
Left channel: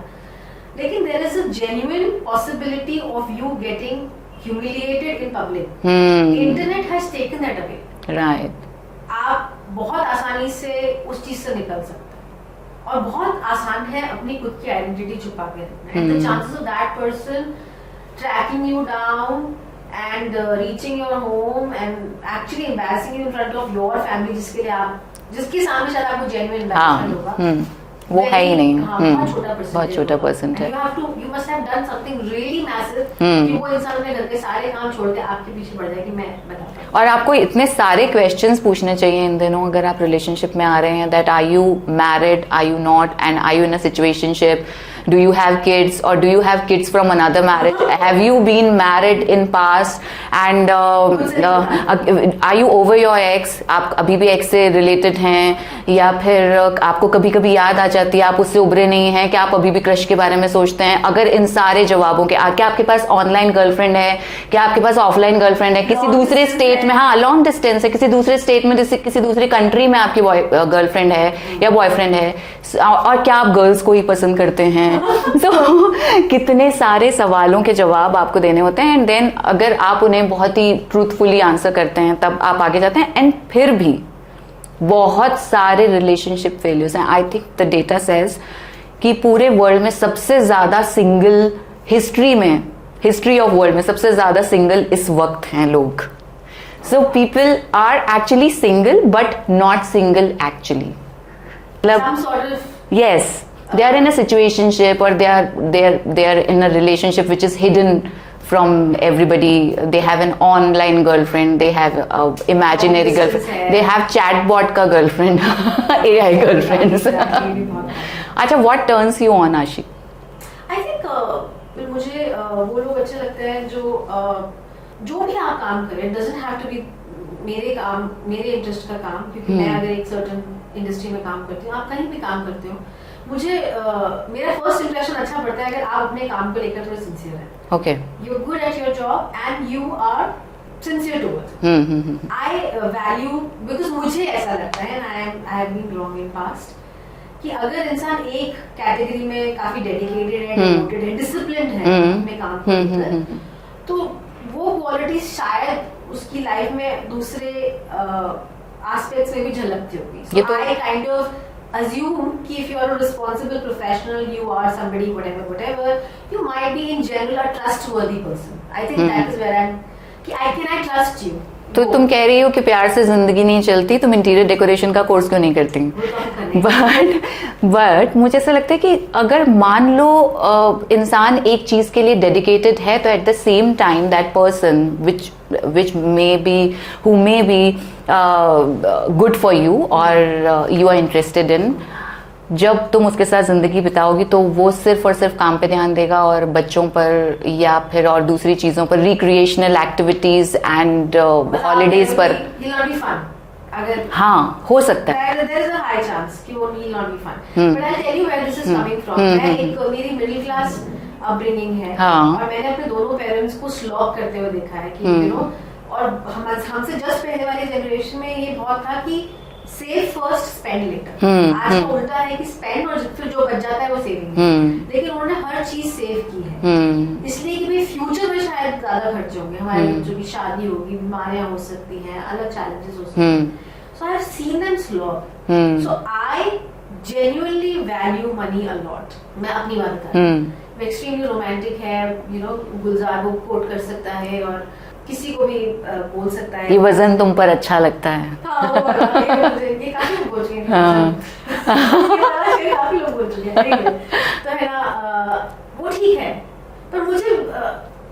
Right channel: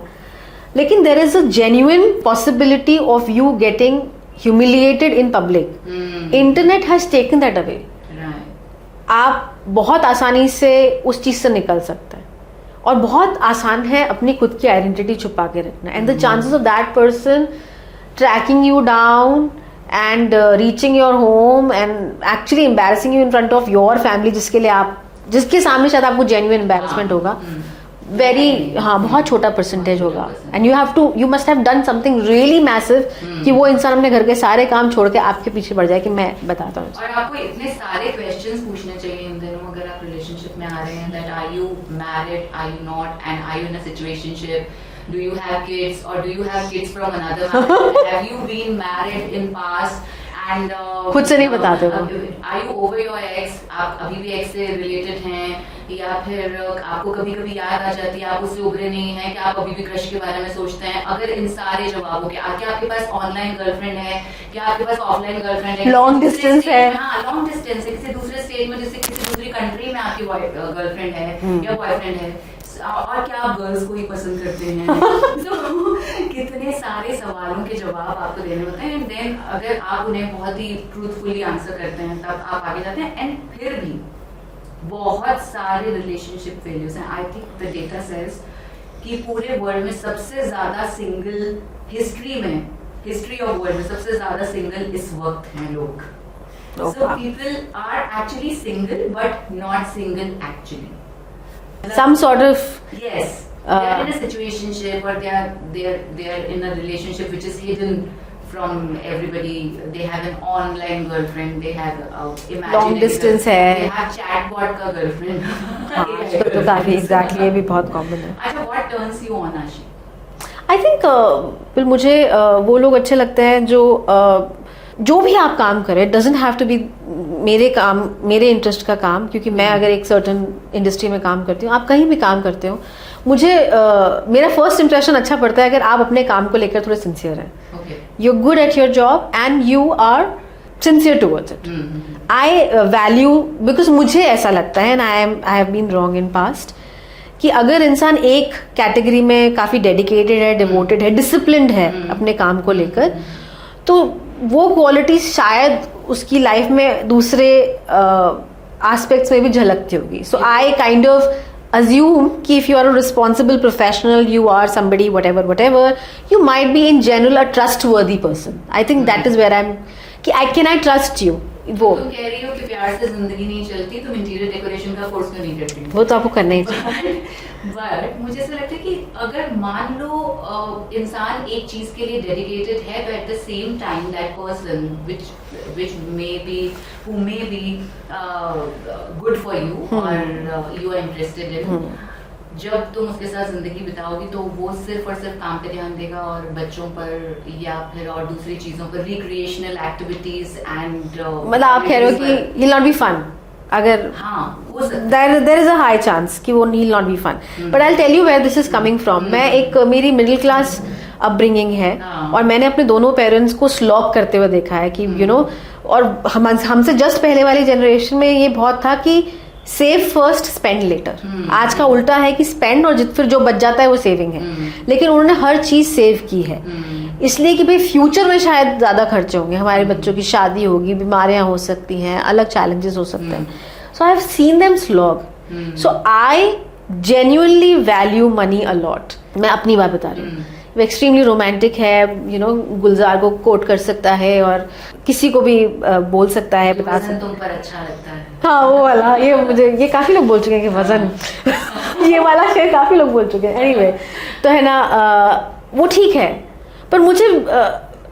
लेकिन there is a genuine possibility of you getting humiliated in public. Internet has taken that away. Right. आप बहुत आसानी से उस चीज से निकल सकते हैं और बहुत आसान है अपनी खुद की आइडेंटिटी छुपा के रखना. And the chances of that person tracking you down and reaching your home and actually embarrassing you in front of your family, जिसके सामने शायद आपको genuine embarrassment होगा, बहुत छोटा परसेंटेज होगा. And you must have done something really massive कि वो इंसान अपने घर के सारे काम छोड़ के आपके पीछे पड़ जाए कि मैं बताता हूँ. और आपको इतने सारे क्वेश्चंस पूछने चाहिए इन दिनों अगर आप रिलेशनशिप में आ रहे हैं. That are you married, are you not, and are you in a situationship. Do you have kids or do you have kids from another marriage? Have you been married in past? And खुद से नहीं बता दो। Are you over your ex? आप अभी भी x से related हैं, या फिर आपको कभी कभी याद आ जाती है, आप उससे उभरे नहीं हैं, क्या आप अभी भी क्रश के बारे में सोचते हैं? अगर इन सारे जवाबों के क्या आपके पास ऑनलाइन गर्लफ्रेंड है, क्या आपके पास ऑफलाइन गर्लफ्रेंड है, किसी दूसरे स्टेट में, हाँ लॉन्ग डिस्टेंस है, किसी दूसरे स्टेट में, जैसे किसी दूसरी कंट्री में आपकी गर्लफ्रेंड है या बॉयफ्रेंड है, और क्या आप गर्ल्स को ही पसंद करते हैं? तो कितने सारे सवालों के जवाब आपको देने होते हैं, एंड देन अगर आप उन्हें बहुत ही ट्रूथफुली आंसर करते हैं तब आप आगे जाते हैं। एंड फिर भी बहुत सारे रिलेशनशिप फेलियर्स हैं। I think the data says कि पूरे वर्ल्ड में सबसे ज्यादा सिंगल, हिस्ट्री ऑफ वर्ल्ड में सबसे ज्यादा सिंगल इस वक्त हैं लोग। So people are actually single but not single actually. Some sort of yes, they are in a situationship, or they are in a relationship which is hidden from everybody. They have an online girlfriend, they have a imaginary girlfriend, they have chatbot का girlfriend, AI girlfriend. Exactly, ये भी बहुत common है। अच्छा, what turns you on, आशी? I think मुझे वो लोग अच्छे लगते हैं जो भी आप काम करें, doesn't have to be मेरे इंटरेस्ट का काम, क्योंकि मैं अगर एक सर्टन इंडस्ट्री में काम करती हूँ, आप कहीं भी काम करते हो, मुझे मेरा फर्स्ट इंप्रेशन अच्छा पड़ता है अगर आप अपने काम को लेकर थोड़े सिंसियर हैं। Okay, you are good at your job and you are sincere towards it. I value, because मुझे ऐसा लगता है, and I have been wrong in past, कि अगर इंसान एक कैटेगरी में काफी डेडिकेटेड है, डिवोटेड है, डिसिप्लिन्ड है अपने काम को लेकर, तो वो क्वालिटी शायद उसकी लाइफ में दूसरे एस्पेक्ट्स में भी झलकती होगी। सो आई काइंड ऑफ assume कि if you are a responsible professional, you are somebody whatever, you might be in general a trustworthy person. I think that is where I'm कि can I trust you? तो तुम कह रही हो कि प्यार से जिंदगी नहीं चलती, तुम इंटीरियर डेकोरेशन का कोर्स क्यों नहीं करती? वो तो आपको करना ही बट मुझे ऐसा लगता है कि अगर मान लो इंसान एक चीज के लिए डेडिकेटेड है, तो at the same time that person which may be good for you or you are interested in, जब तुम उसके साथ जिंदगी बिताओगी तो वो सिर्फ और सिर्फ काम पे ध्यान देगा और बच्चों पर या फिर और दूसरी चीजों पर, रिक्रिएशनल एक्टिविटीज एंड हॉलीडेज पर he'll not be fun. अगर हाँ हो सकता है, there is a high chance कि वो will not be fun. But I'll tell you where this is coming from. मैं एक मेरी मिडिल क्लास अपब्रिंगिंग है, और मैंने अपने दोनों पेरेंट्स को स्लॉग करते हुए देखा है कि यू नो, और हमसे जस्ट पहले वाली जनरेशन में ये बहुत था कि सेव फर्स्ट स्पेंड लेटर। आज का उल्टा है कि स्पेंड और फिर जो बच जाता है वो सेविंग है। लेकिन उन्होंने हर चीज सेव की है, इसलिए कि भाई फ्यूचर में शायद ज्यादा खर्चे होंगे, हमारे बच्चों की शादी होगी, बीमारियां हो सकती हैं, अलग चैलेंजेस हो सकते हैं। So I have seen them slog. So I genuinely value money a lot. मैं अपनी बात बता रही हूँ, वो एक्सट्रीमली रोमांटिक है, यू नो, गुलजार को कोट कर सकता है और किसी को भी बोल सकता है। ये वजन तुम पर अच्छा लगता है, हाँ वो वाला, ये काफी लोग बोल चुके हैं कि वजन ये वाला शेर काफी लोग बोल चुके हैं। anyway, तो है ना, वो ठीक है, पर मुझे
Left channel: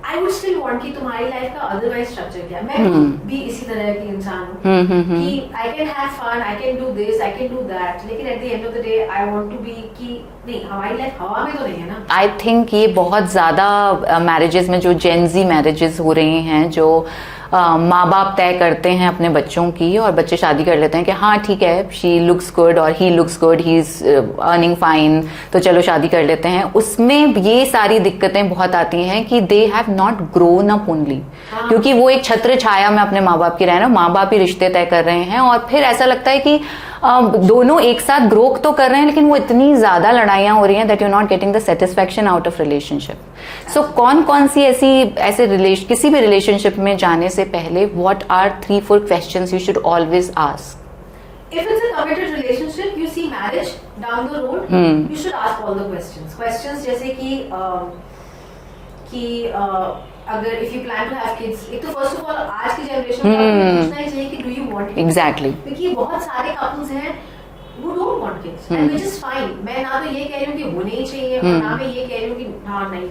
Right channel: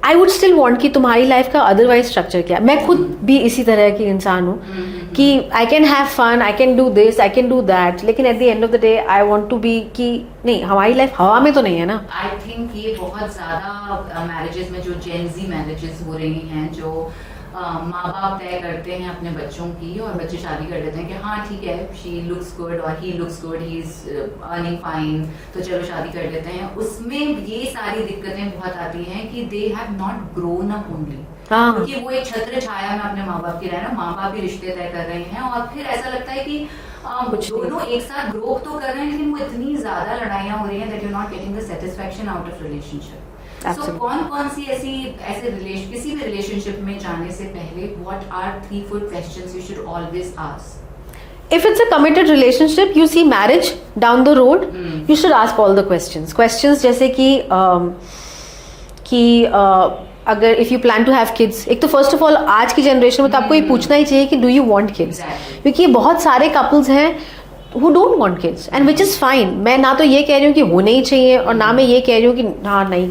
आई वुड स्टिल वांट कि तुम्हारी लाइफ का अदरवाइज स्ट्रक्चर क्या। मैं खुद भी इसी तरह की इंसान हूँ कि I can have fun, I can do this, I can do that, लेकिन at the end of the day I want to be कि नहीं, हमारी लाइफ हवा में तो नहीं है ना। आई थिंक ये बहुत ज्यादा मैरिजेस में, जो जेनजी मैरिजेस हो रही हैं, जो माँ बाप तय करते हैं अपने बच्चों की और बच्चे शादी कर लेते हैं कि हाँ ठीक है, शी लुक्स गुड और he looks good, he is earning fine, तो चलो शादी कर लेते हैं। उसमें ये सारी दिक्कतें बहुत आती हैं कि they have not grown up only, क्योंकि वो एक छत्र छाया में अपने माँ बाप की रह रहे हैं, माँ बाप ही रिश्ते तय कर रहे हैं, और फिर ऐसा लगता है कि दोनों एक साथ ग्रो तो कर रहे हैं, लेकिन वो इतनी ज्यादा लड़ाइयां हो रही हैं that you not getting the satisfaction out of relationship. So कौन सी ऐसे किसी भी रिलेशनशिप में जाने से पहले what are 3-4 questions you should always ask? If it's a committed relationship, you see marriage down the road, you should ask all the questions जैसे कि अगर if you plan to have kids, एक तो first of all आज की generation में तो आपको ये पूछना ही चाहिए कि do you want kids. Exactly, क्योंकि बहुत सारे कपल्स हैं who don't want kids and which is fine। मैं ना तो ये कह रही हूँ कि होने ही चाहिए और ना मैं ये कह रही हूँ कि हाँ नहीं,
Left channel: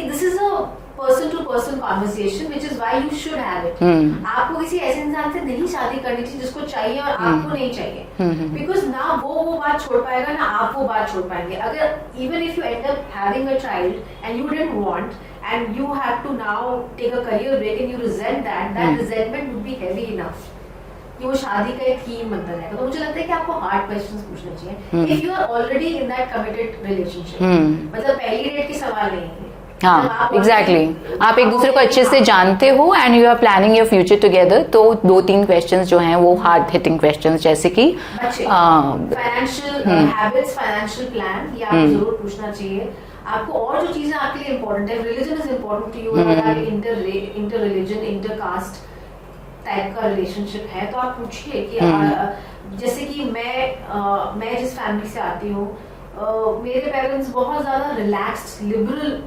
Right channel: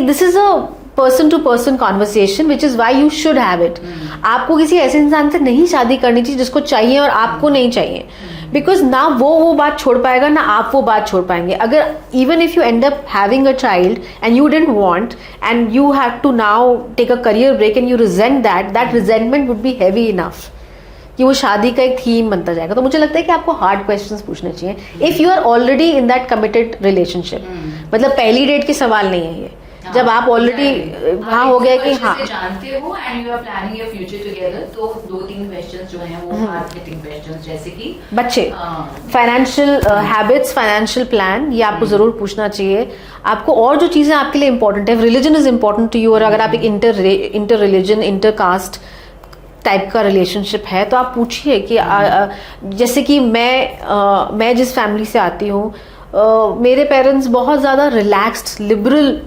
this is a person to person conversation which is why you should have it. आपको किसी ऐसे इंसान से नहीं शादी करनी चाहिए जिसको चाहिए और आपको नहीं चाहिए, बिकॉज ना वो बात छोड़ पाएगा ना आप वो बात छोड़ पाएंगे. अगर even if you end up having a child and you didn't want and you have to now take a career break and you resent that resentment would be heavy enough कि वो शादी का एक थीम बनता जाएगा. तो मुझे लगता है कि आपको हार्ड क्वेश्चंस पूछने चाहिए if you are already in that committed relationship. मतलब पहली डेट के सवाल नहीं है ये. हाँ, जब आप ऑलरेडी आप एक दूसरे को अच्छे से जानते हो and you are planning your future together, तो 2-3 क्वेश्चंस जो हैं वो हार्ड हिटिंग क्वेश्चंस, जैसे कि बच्चे, फाइनेंशियल हैबिट्स, फाइनेंशियल प्लान, ये आपको जरूर पूछना चाहिए. आपको और जो चीजें आपके लिए इंपॉर्टेंट है, religion is important to you, और अगर आप एक inter religion inter caste type का रिलेशनशिप है तो आप पूछिए कि जैसे कि मैं जिस फैमिली से आती हूँ, मेरे पेरेंट्स बहुत ज्यादा रिलैक्स्ड लिबरल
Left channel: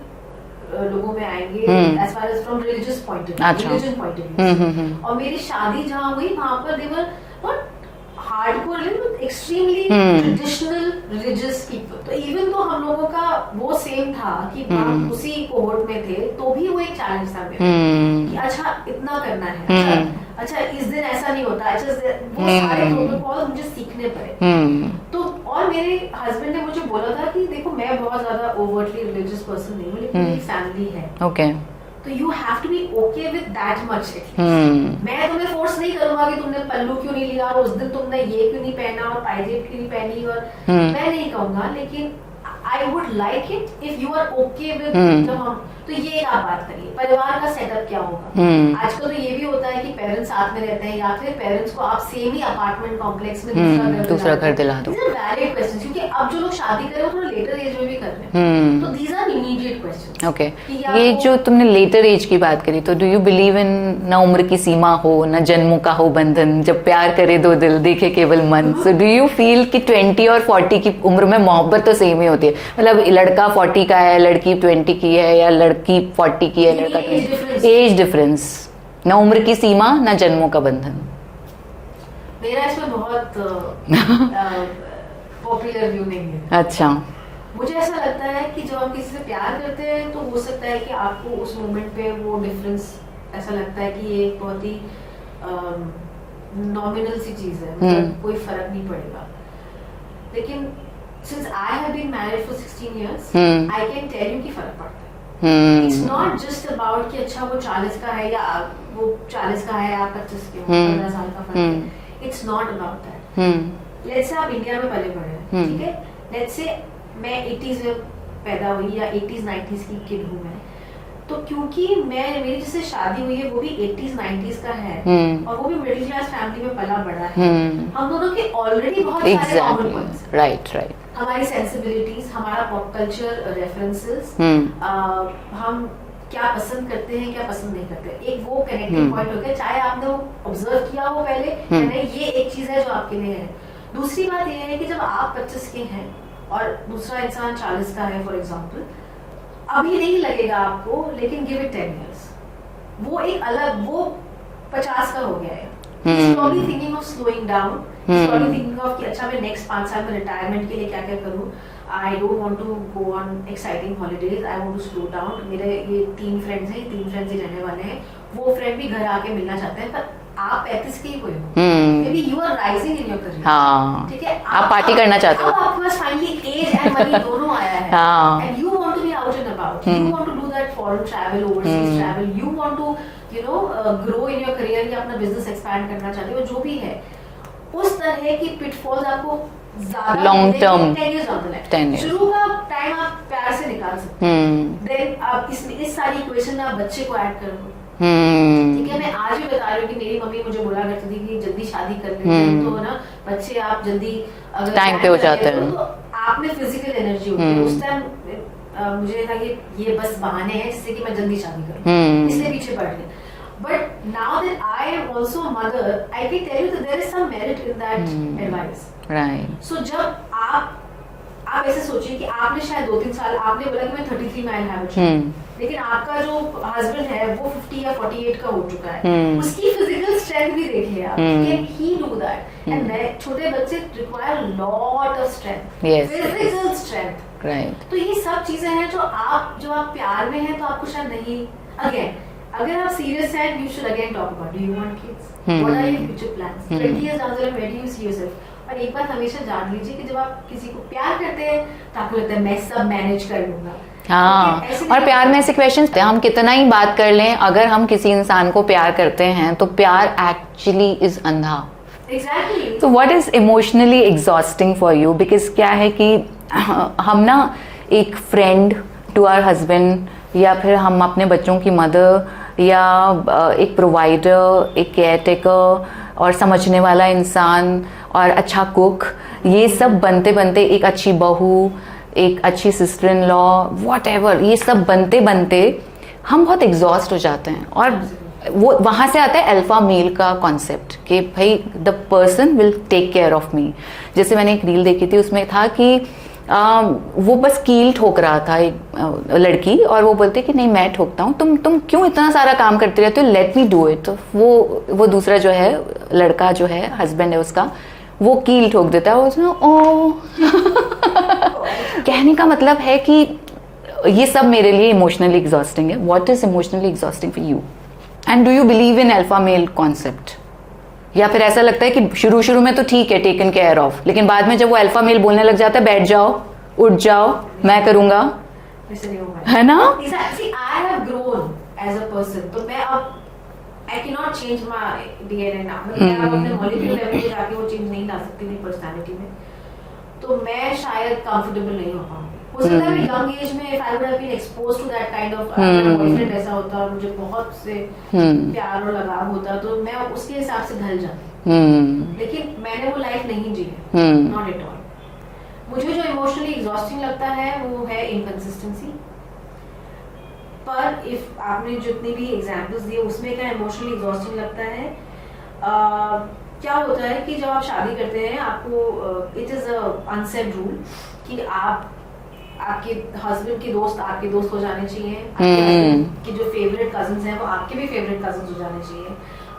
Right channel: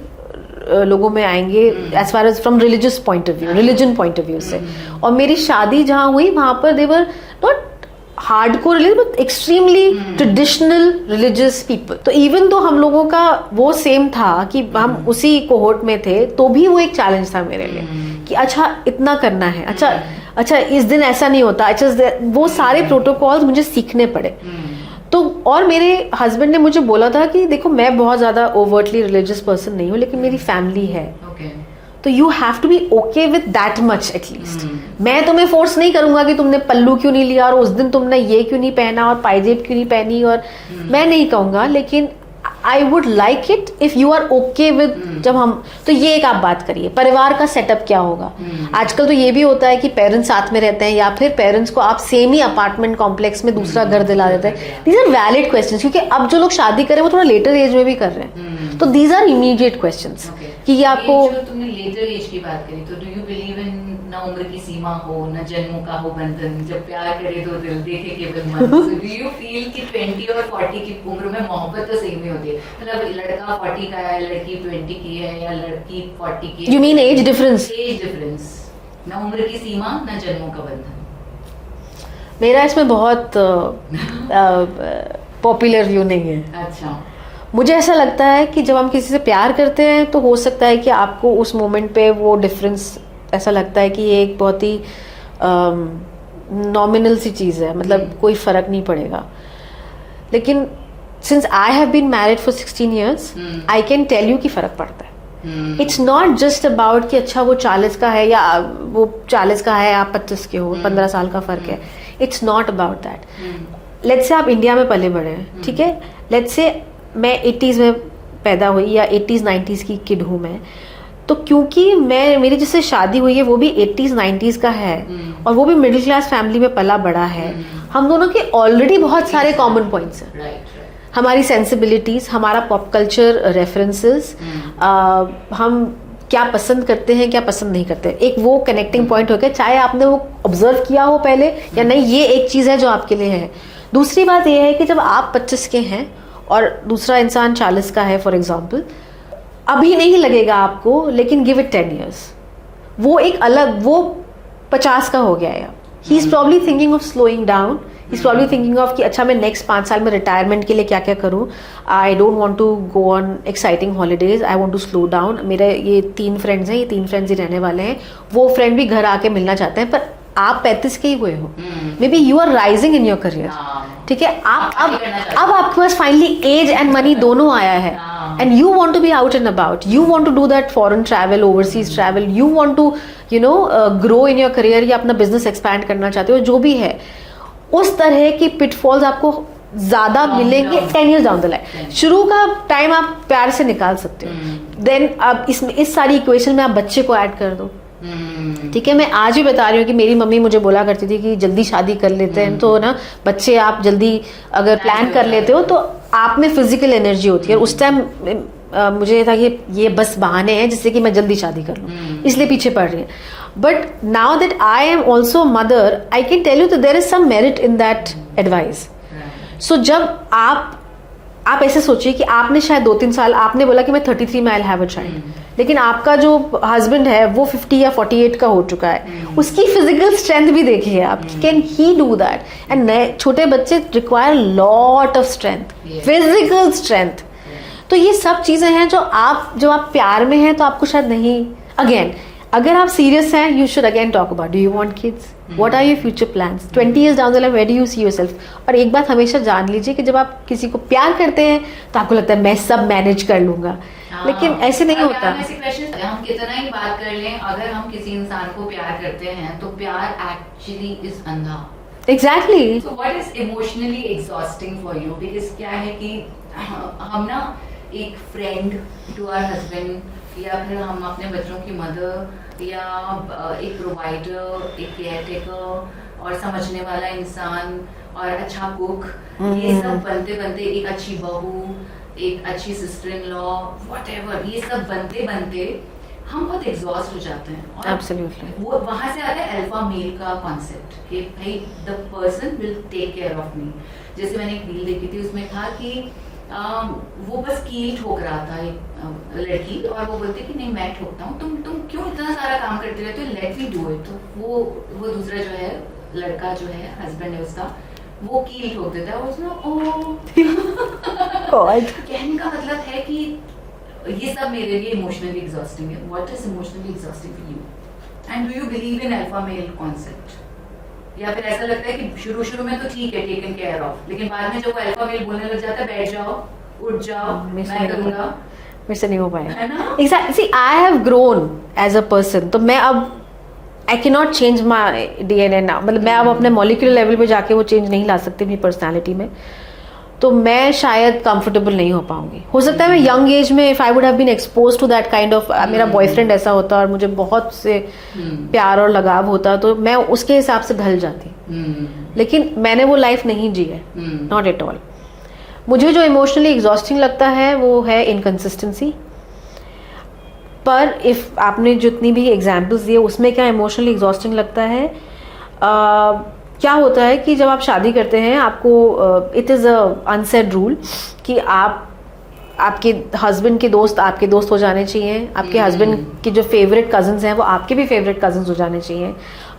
लोगों में आएंगे as far as from religious point of view, religion point of view से. और मेरी शादी जहाँ हुई वहां पर they were not hardcore religious but extremely traditional religious people. तो इवन तो हम लोगों का वो सेम था कि हम उसी कोहोर्ट में थे, तो भी वो एक चैलेंज था मेरे लिए कि अच्छा इतना करना है, अच्छा इस दिन ऐसा नहीं होता, अच्छा वो सारे प्रोटोकॉल्स मुझे सीखने पड़े. तो और मेरे हस्बैंड ने मुझे बोला था कि देखो मैं बहुत ज्यादा ओवर्टली रिलीजियस पर्सन नहीं हूँ, लेकिन मेरी फैमिली है. ओके, तो you have to be okay with that much at least. मैं तुम्हें फोर्स नहीं करूंगा कि तुमने पल्लू क्यों नहीं लिया और उस दिन तुमने ये क्यों नहीं पहना और पायजेब क्यों नहीं पहनी, और मैं नहीं कहूंगा, लेकिन I would like it if you are okay with. जब हम तो ये एक आप बात करिए परिवार का सेटअप क्या होगा. आजकल तो ये भी होता है कि पेरेंट्स साथ में रहते हैं या फिर पेरेंट्स को आप सेम ही अपार्टमेंट कॉम्प्लेक्स में दूसरा घर दिला रहे हैं. दीज आर वैलिड क्वेश्चंस, क्योंकि अब जो लोग शादी करें वो थोड़ा लेटर एज में भी कर रहे हैं. तो these are immediate questions. Okay, ये जो तुमने लेटर एज की बात करी, तो डू यू बिलीव इन न उम्र की सीमा हो न जन्मों का हो बंधन, जब प्यार करे दो दिल देखे केवल मन. सो डू यू फील कि 20 और 40 की उम्र में मोहब्बत तो सेम ही होती है? मतलब लड़का 40 का है, लड़की 20 की है, या लड़की 40 की है. You mean age difference? Age difference, न उम्र की सीमा न जन्मों का बंधन. मेरा इसमें बहुत पॉपुलर व्यू नहीं है. अच्छा, मुझे ऐसा लगता है कि जब हम किसी से प्यार करते हैं तो हो सकता है कि आपको उस मोमेंट पे वो डिफरेंस ऐसा लगता है कि ये एक बहुत ही नॉमिनल सी चीज़ है, मतलब कोई फर्क नहीं पड़ेगा. लेकिन since I have been married for 16 years, I can tell you कि फर्क पड़ता है. It's not just about कि अच्छा वो 40 का है या वो 40 का है आप 25 के हो, 15 साल का फर्क है. It's not about that. Let's say आप इंडिया में पले बड़े हैं, ठीक है. Let's say मैं 80s में पैदा हुई या 80s 90s की किड हूँ मैं, तो क्योंकि मेरी जिससे शादी हुई है वो भी 80s 90s का है और वो भी मिडिल क्लास फैमिली में पला बड़ा है, हम दोनों के ऑलरेडी बहुत सारे कॉमन पॉइंट्स हैं. राइट. हमारी सेंसिबिलिटीज, हमारा पॉप कल्चर रेफरेंसेस, हम क्या पसंद करते हैं क्या पसंद नहीं करते, एक वो कनेक्टिंग पॉइंट हो गया, चाहे आपने वो ऑब्जर्व किया हो पहले या नहीं. ये एक चीज है जो आपके लिए है. दूसरी बात ये है कि जब आप 25 के हैं और दूसरा इंसान 40 का है फॉर एग्जाम्पल, अभी नहीं लगेगा आपको, लेकिन गिव इट 10 years, वो एक अलग, वो 50 का हो गया है. He is probably thinking of slowing down. He's probably thinking of कि अच्छा मैं नेक्स्ट 5 साल में रिटायरमेंट के लिए क्या क्या करूँ. I don't want to go on exciting holidays, I want to slow down. मेरे ये 3 फ्रेंड्स हैं, ये 3 फ्रेंड्स ही रहने वाले हैं. वो फ्रेंड भी घर आके मिलना चाहते हैं, पर आप 35 के ही हुए हो, may be you are rising in your career. ठीक है, आप पार्टी करना चाहते हो. अब आपके पास फाइनली एज एंड मनी दोनों आया है and you want to be out and about. You want to do that foreign travel, overseas travel. You want to grow in your career या अपना बिजनेस एक्सपैंड करना चाहते हो, जो भी है. उस तरह की पिटफॉल्स आपको ज्यादा मिलेंगे 10 years डाउन द लाइन. शुरू का टाइम आप प्यार से निकाल सकते हो, देन अब इस सारी इक्वेशन में आप बच्चे को ऐड कर दो. ठीक है, मैं आज भी बता रही हूँ कि मेरी मम्मी मुझे बोला करती थी कि जल्दी शादी कर लेते हैं तो ना बच्चे आप जल्दी अगर प्लान कर लेते हो तो आप में फिजिकल एनर्जी होती है. उस टाइम मुझे था कि ये बस बहाने हैं जिससे कि मैं जल्दी शादी करूँ, इसलिए पीछे पड़ रही है. But now that I am also a mother, I can tell you that there is some merit in that advice. Right. So जब आप ऐसे सोचिए कि आपने शायद 2-3 साल, आपने बोला कि मैं 33 में I'll have a child, लेकिन आपका जो हस्बैंड है वो 50 या 48 का हो चुका है. उसकी फिजिकल स्ट्रेंथ भी देखिए आप, can he do that. And छोटे बच्चे require lot of strength, physical strength. Right. तो ये सब चीजें हैं जो आप प्यार में हैं तो आपको शायद नहीं, अगेन अगर आप सीरियस हैं you should again talk about do you want kids, what are your future plans, 20 years down the line where do you see yourself. और एक बात हमेशा जान लीजिए कि जब आप किसी को प्यार करते हैं तो आपको लगता है मैं सब मैनेज कर लूंगा. लेकिन ऐसे नहीं और प्यार होता. में ऐसे क्वेश्चन, हम कितना ही बात कर लें, अगर हम किसी इंसान को प्यार करते हैं तो प्यार एक्चुअली इज अंधा. एग्जैक्टली. तो what is emotionally exhausting for you? Because क्या है कि हम ना एक फ्रेंड टू आवर हस्बैंड, या फिर हम अपने बच्चों की मदर, या एक प्रोवाइडर, एक केयर टेकर और समझने वाला इंसान और अच्छा कुक, ये सब बनते बनते एक अच्छी बहू, एक अच्छी sister in law, what ever, ये सब बनते बनते हम बहुत एग्जॉस्ट हो जाते हैं. और Absolutely. वो वहां से आता है अल्फा मेल का कॉन्सेप्ट कि भाई the person will take care of me. जैसे मैंने एक रील देखी थी, उसमें था कि वो बस कील ठोक रहा था एक लड़की, और वो बोलते कि नहीं मैं ठोकता हूँ, तुम क्यों इतना सारा काम करते रहते हो, लेट मी डू इट. तो वो दूसरा जो है लड़का जो है हस्बैंड है उसका, वो कील ठोक देता है. उसमें कहने का मतलब है कि ये सब मेरे लिए इमोशनली एग्जॉस्टिंग है. What is emotionally exhausting for you, and do you believe in alpha male concept? या फिर ऐसा लगता है कि शुरू में तो ठीक है टेकन केयर ऑफ, लेकिन बाद में जब वो अल्फा मेल बोलने लग जाता है बैठ जाओ, उठ जाओ, मैं करूंगा, मेरे से नहीं हो पाएगा, है ना? Exactly. I have grown as a person. तो मैं अब I can not change my DNA now. मतलब मैं अब अपने मॉलिक्यूलर लेवल पे जाके वो चेंज नहीं ला सकती अपनी पर्सनालिटी में. तो मैं शायद कंफर्टेबल नहीं हो पाऊंगी. हो सकता है मैं यंग एज में if I would have been exposed to that kind of, मेरा बॉयफ्रेंड ऐसा होता और मुझे बहुत से प्यार और लगाव होता तो मैं उसके हिसाब से ढल जाती. लेकिन मैंने वो लाइफ नहीं जी है, नॉट एट ऑल. मुझे जो इमोशनली एग्जॉस्टिंग लगता है वो है इनकंसिस्टेंसी. पर इफ आपने जितनी भी एग्जाम्पल्स दिए उसमें क्या इमोशनली एग्जॉस्टिंग लगता है, क्या होता है कि जब आप शादी करते हैं आपको it is a unsaid rule कि आपके हस्बैंड के दोस्त आपके दोस्त हो जाने चाहिए, आपके हस्बैंड के जो फेवरेट कजन्स हैं वो आपके भी फेवरेट कजन्स हो जाने चाहिए,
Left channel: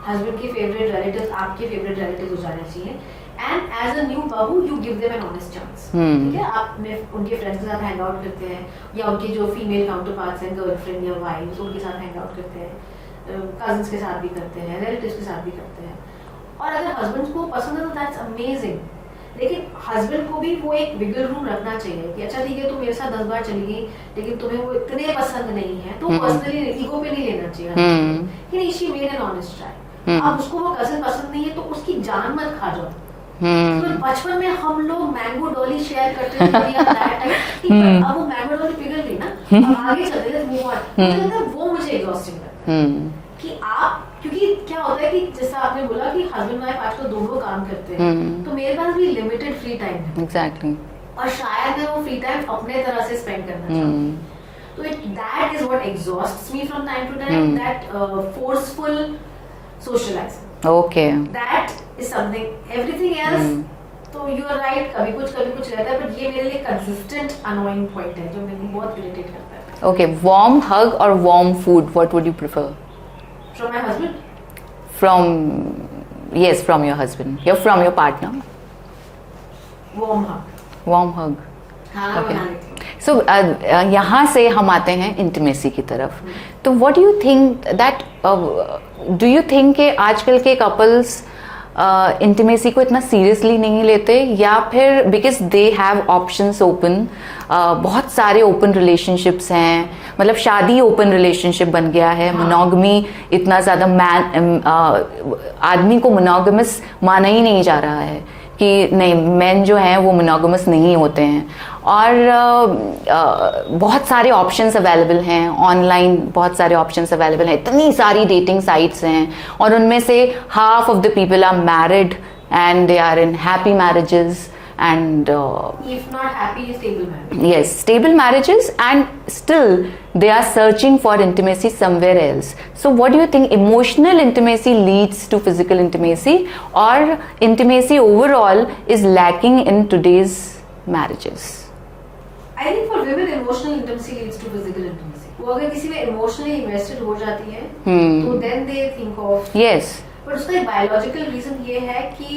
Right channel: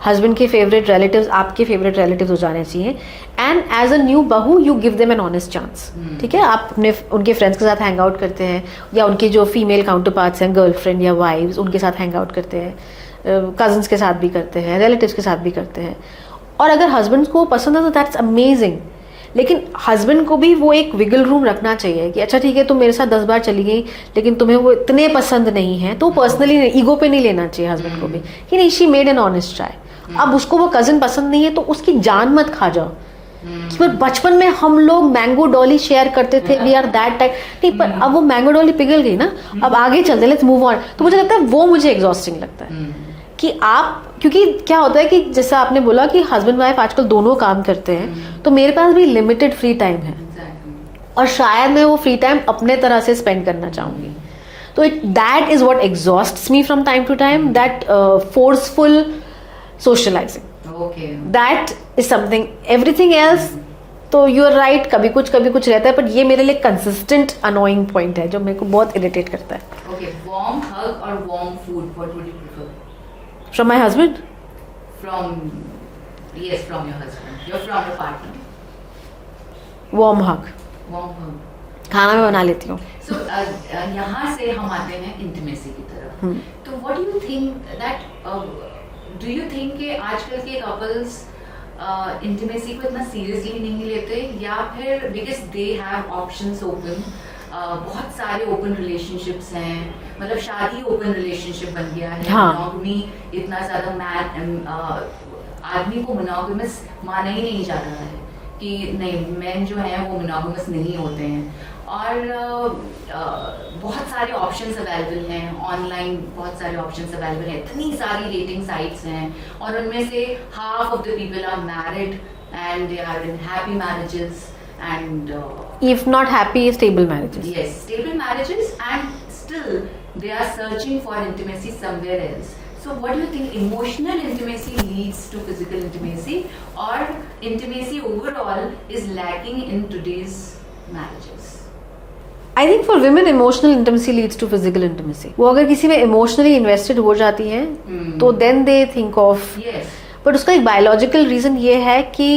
हस्बैंड के फेवरेट रिलेटिव्स आपके फेवरेट रिलेटिव्स हो जाने चाहिए. एंड एज अ न्यू बहू you give them an honest chance. ठीक है, आप अपने उनके फ्रेंड्स के साथ हैंग आउट करते हैं, या उनके जो फीमेल काउंटर पार्ट्स हैं गर्लफ्रेंड या वाइफ्स उनके साथ हैंग आउट करते हैं, कजन्स के साथ भी करते हैं, रिलेटिव्स के साथ भी करते हैं. और अगर हस्बैंड को पसंद है तो दैट्स अमेजिंग. लेकिन हस्बैंड को भी वो एक विगल रूम रखना चाहिए कि अच्छा ठीक है तुम मेरे साथ 10 बार चली गई लेकिन तुम्हें वो इतने पसंद नहीं है, तो पर्सनली ईगो पे नहीं लेना चाहिए हस्बैंड को भी कि नहीं she made an honest try. अब उसको वो कजन पसंद नहीं है तो उसकी जान मत खा जाओ. पर बचपन में हम लोग मैंगो डॉली शेयर करते थे, वी आर दैट टाइप. नहीं, पर अब वो मैंगो डॉली पिघल गई ना, अब आगे चलते, लेट्स मूव ऑन. तो मुझे लगता है वो मुझे एग्जॉस्टिंग लगता है कि आप, क्योंकि क्या होता है कि जैसा आपने बोला कि हस्बैंड वाइफ आजकल दोनों काम करते हैं, तो मेरे पास भी लिमिटेड फ्री टाइम है. एग्जैक्टली. और शायद मैं वो फ्री टाइम अपने तरह से स्पेंड करना चाहूंगी. तो that is what exhausts me from time to time, that forceful socializing. Okay. That is something. Everything else, तो यू आर राइट, कभी कुछ रहता है, पर ये मेरे लिए कंसिस्टेंट अनोइंग पॉइंट है जो मेरे को बहुत इरिटेट करता है. Okay, warm hug or warm food, what would you prefer? From my husband? Yes, from your husband. From your partner. Warm hug. Warm hug. खाना मैं बना लेती हूँ. So यहाँ से हम आते हैं इंटीमेसी की तरफ. तो what do you think that do you think कि आजकल के कपल्स इंटीमेसी को इतना सीरियसली नहीं लेते, या फिर because they have options open, बहुत सारे ओपन रिलेशनशिप्स हैं, मतलब शादी ओपन रिलेशनशिप बन गया है. मोनोगमी इतना ज्यादा आदमी को मोनोगमस माना ही नहीं जा रहा है कि नहीं, मेन जो हैं वो मोनोगमस नहीं होते हैं. और बहुत सारे ऑप्शंस अवेलेबल हैं ऑनलाइन, बहुत सारे ऑप्शंस अवेलेबल हैं, इतनी सारी डेटिंग साइट्स हैं, और उनमें से half of the people are married and they are in happy marriages and if not happy, stable marriage. Yes, stable marriages, and still they are searching for intimacy somewhere else. So what do you think, emotional intimacy leads to physical intimacy, or intimacy overall is lacking in today's marriages? I think for women emotional intimacy leads to physical intimacy. वो अगर किसी में emotionally invested हो जाती है तो then they think of, yes, but उसका एक biological reason ये है कि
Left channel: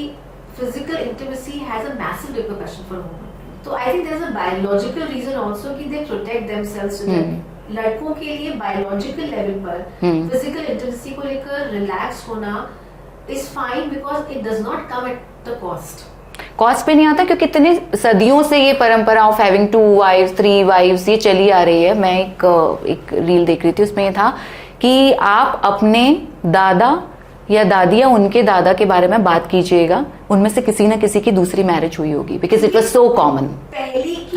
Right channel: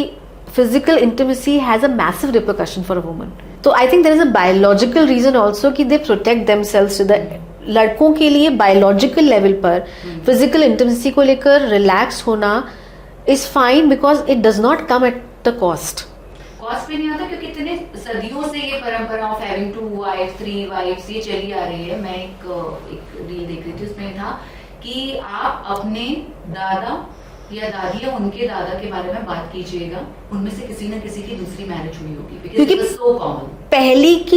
physical intimacy has a massive repercussion for a woman. तो I think there is a biological reason also कि they protect themselves to that. लड़कों के लिए बायोलॉजिकल लेवल पर फिजिकल इंटीमेसी को लेकर रिलैक्स होना is fine because it does not come at the cost. Cost पे नहीं आता क्योंकि इतने सदियों से ये परंपरा ऑफ हैविंग 2 wives 3 wives ये चली आ रही है. मैं एक रील देख रही थी, उसमें ये था कि आप अपने दादा या दादी या उनके दादा के बारे में बात कीजिएगा, उनमें से किसी न किसी की दूसरी मैरिज हुई होगी because it was so common. पहली की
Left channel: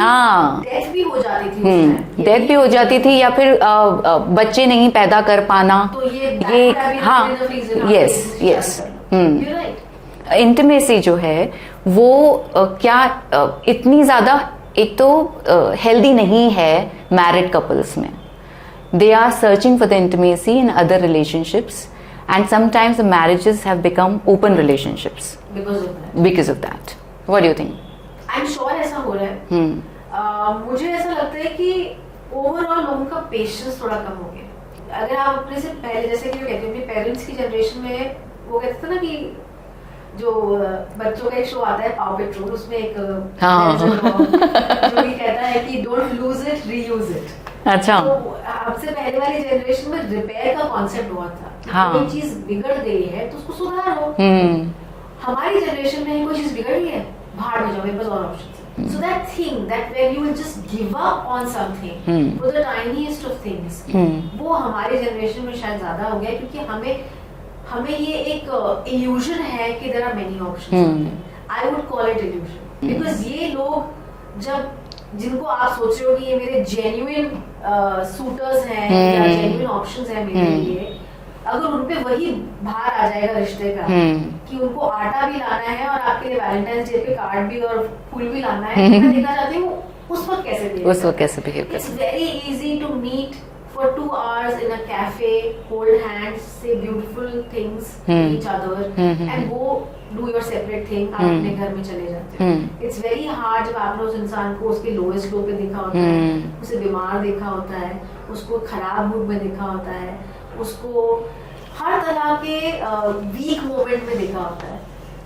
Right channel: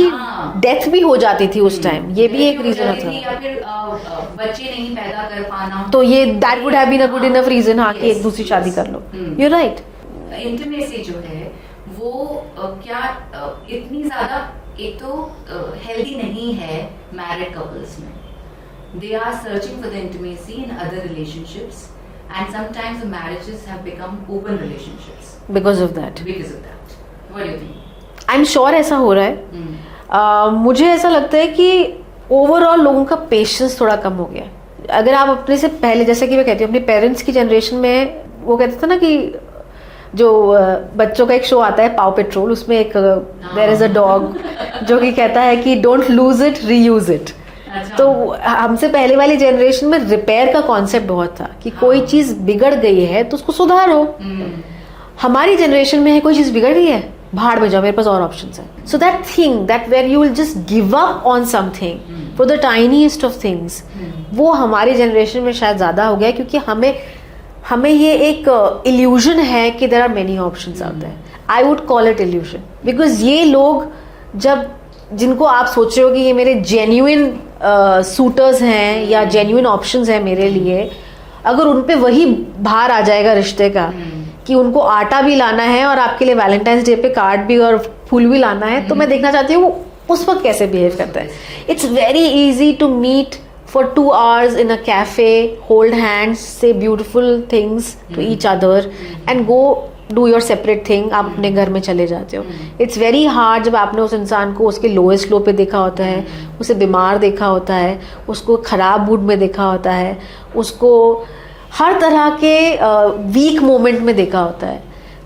डेथ भी हो जाती थी उस टाइम, ये डेथ भी हो जाती थी या फिर बच्चे नहीं पैदा कर पाना, तो ये that would have been a good enough reason कि एक दूसरी शादी कर लो. You are right. इंटीमेसी जो है वो क्या इतनी ज्यादा एक तो हेल्दी नहीं है मैरिड कपल्स में. They are searching for the intimacy in other relationships and sometimes the marriages have become open relationships because of that. What do you think? I'm sure ऐसा हो रहा है. मुझे ऐसा लगता है कि ओवरऑल लोगों का पेशेंस थोड़ा कम हो गया है. अगर आप अपने से पहले, जैसे कि मैं कहती हूँ अपने पेरेंट्स की जनरेशन में, वो कहते थे ना कि जो बच्चों का एक शो आता है पाव पेट्रोल, उसमें एक देयर इज अ डॉग जो कि कहता है कि don't lose it reuse it. अच्छा. तो हमसे पहले वाली जनरेशन में रिपेयर का कॉन्सेप्ट बहुत था कि कोई चीज बिगड़ गई है तो उसको सुधारो. हमारी जनरेशन में है कोई चीज बिगड़ गई है, भाड़ में जाओ, मेरे पास और ऑप्शंस है. So that thing that where you will just give up on something for the tiniest of things, वो हमारी जनरेशन में शायद ज्यादा हो गया क्योंकि हमें ये एक इल्यूजन है कि there are many options out there. I would call it illusion because ये लोग जब जिनको आप सोच रहे हो कि ये मेरे जेन्युइन सूटर्स हैं या जेन्युइन ऑप्शंस हैं मेरे लिए, अगर उन पे वही भार आ जाएगा रिश्ते का कि उनको आटा भी लाना है और आपके लिए वैलेंटाइंस डे पे कार्ड भी और फूल भी लाना है, तो मैं देखना चाहती हूँ उस वक्त कैसे बिहेव करता है. It's very easy to meet for 2 hours in a cafe, hold hands, say beautiful things to each other and go do your separate thing. आप अपने घर में चले जाते हो. It's very hard जब आपने उस इंसान को उसके lowest low पे देखा होता है, उसे बीमार देखा होता है, उसको खराब मूड में देखा होता है, उसको हर तरह के weak moment में देखा होता है.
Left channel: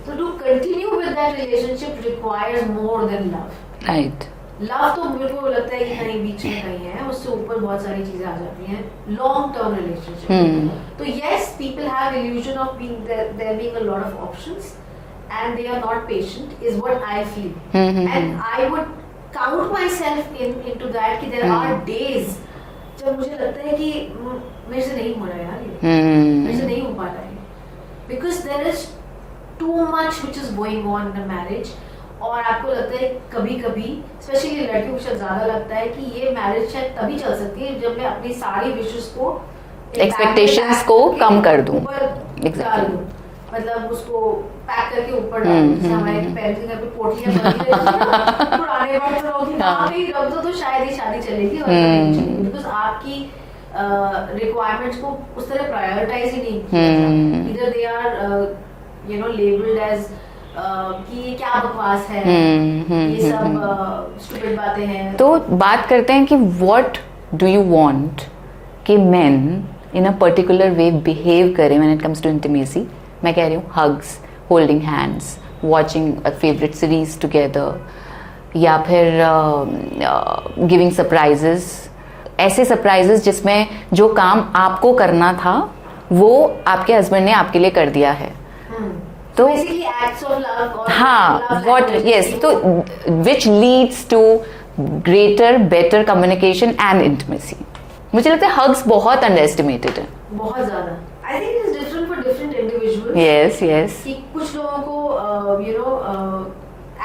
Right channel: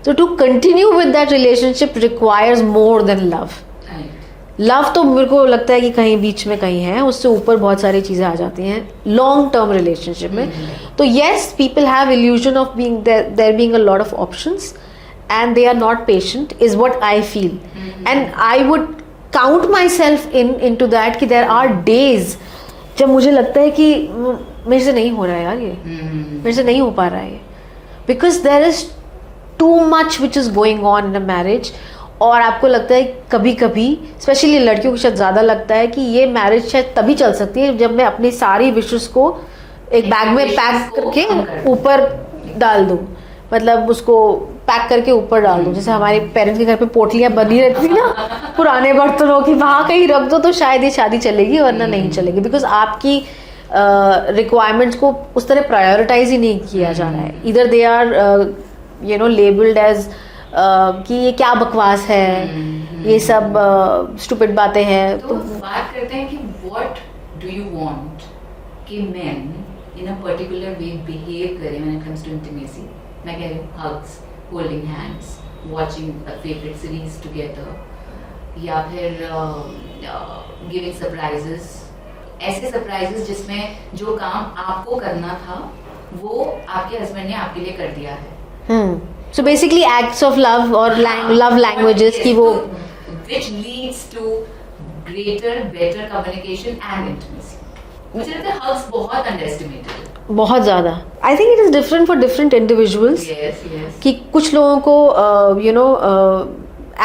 So to continue with that relationship requires more than love. Right. Love तो मेरे को लगता है कि कहीं बीच में कहीं है, उससे ऊपर बहुत सारी चीजें आ जाती हैं लॉन्ग टर्म रिलेशनशिप में. तो yes, people have illusion of being there being a lot of options and they are not patient is what I feel. And I would count myself into that कि there are days जब मुझे लगता है कि मेरे से नहीं हो रहा है यार, ये मेरे से नहीं हो पा रहा है, because there is too much which is going on in a marriage. और आपको लगता है कभी कभी, स्पेशली लड़कियों को शायद ज्यादा लगता है कि ये मैरिज शायद तभी चल सकती है जब मैं अपनी सारी विशेस को एक बैग में पैक को कम कर दूं, ऊपर डाल दूं, मतलब उसको पैक करके ऊपर डाल दूं. जैसे हमारे पेरेंट्स के घर पे पोटलियां बनी रहती थी ना पुराने बर्तनों की, वहां कहीं रख दो तो शायद ये शादी चलेगी वरना नहीं चलेगी. बिकॉज आपकी रिक्वायरमेंट्स को उस तरह प्रायोरिटाइज ही नहीं किया जा रहा है. इधर दे आर लेबल्ड एज कि ये क्या बकवास है, ये सब स्टूपिड बातें हैं. तो बात करते हैं कि व्हाट डू यू वांट कि men in a particular way behave करें when it comes to intimacy. मैं कह रही हूँ hugs, holding hands, watching a favourite series together, या फिर गिविंग सरप्राइजेस. ऐसे सरप्राइजेस जिसमें जो काम आपको करना था वो आपके हस्बैंड ने आपके लिए कर दिया है. So basically acts of love or love languages की वो which leads to greater, better communication and intimacy. मुझे लगता है hugs बहुत underestimated है. बहुत ज़्यादा. I think it is different for different individuals. Yes, yes. कि कुछ लोगों को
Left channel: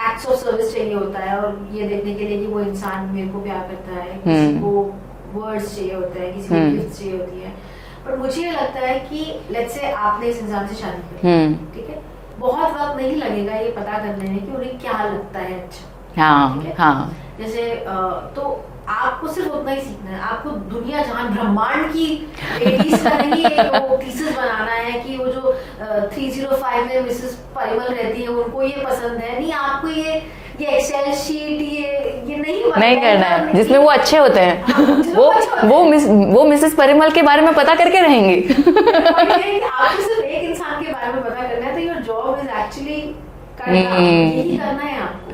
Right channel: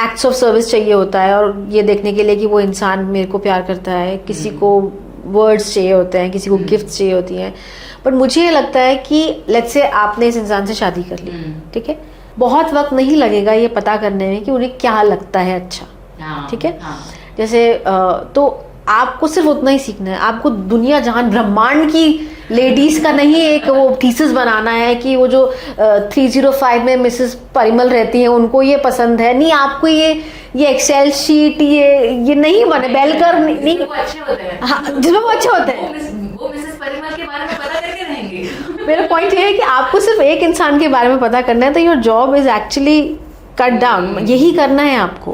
acts of service चाहिए होता है और ये देखने के लिए कि वो इंसान मेरे को प्यार करता है. किसी को words चाहिए होते हैं, किसी को gifts चाहिए होती हैं. बट मुझे ये लगता है कि लेट्स से आपने इस इंसान से शादी कर ली, ठीक है, बहुत वक्त नहीं लगेगा ये पता करने में कि उन्हें क्या लगता है अच्छा. ठीक है. जैसे तो आपको सिर्फ उतना ही सीखना है. आपको दुनिया जहान ब्रह्मांड की लेडीज का नहीं एक वो थीसिस बनाना है कि वो जो 305 में मिसेस परिमल रहती हैं उनको ये पसंद है. नहीं, आपको ये एक्सेल शीट ये नहीं बनाना जिसमें वो अच्छे होते हैं. जिसमें वो अच्छे होते हैं वो मिसेस परिमल के बारे में पता करके रहेंगे. मेरा पॉइंट ये है कि आपको सिर्फ एक इंसान के बारे में पता करना है. तो your job is actually cut down. यही करना है आपको.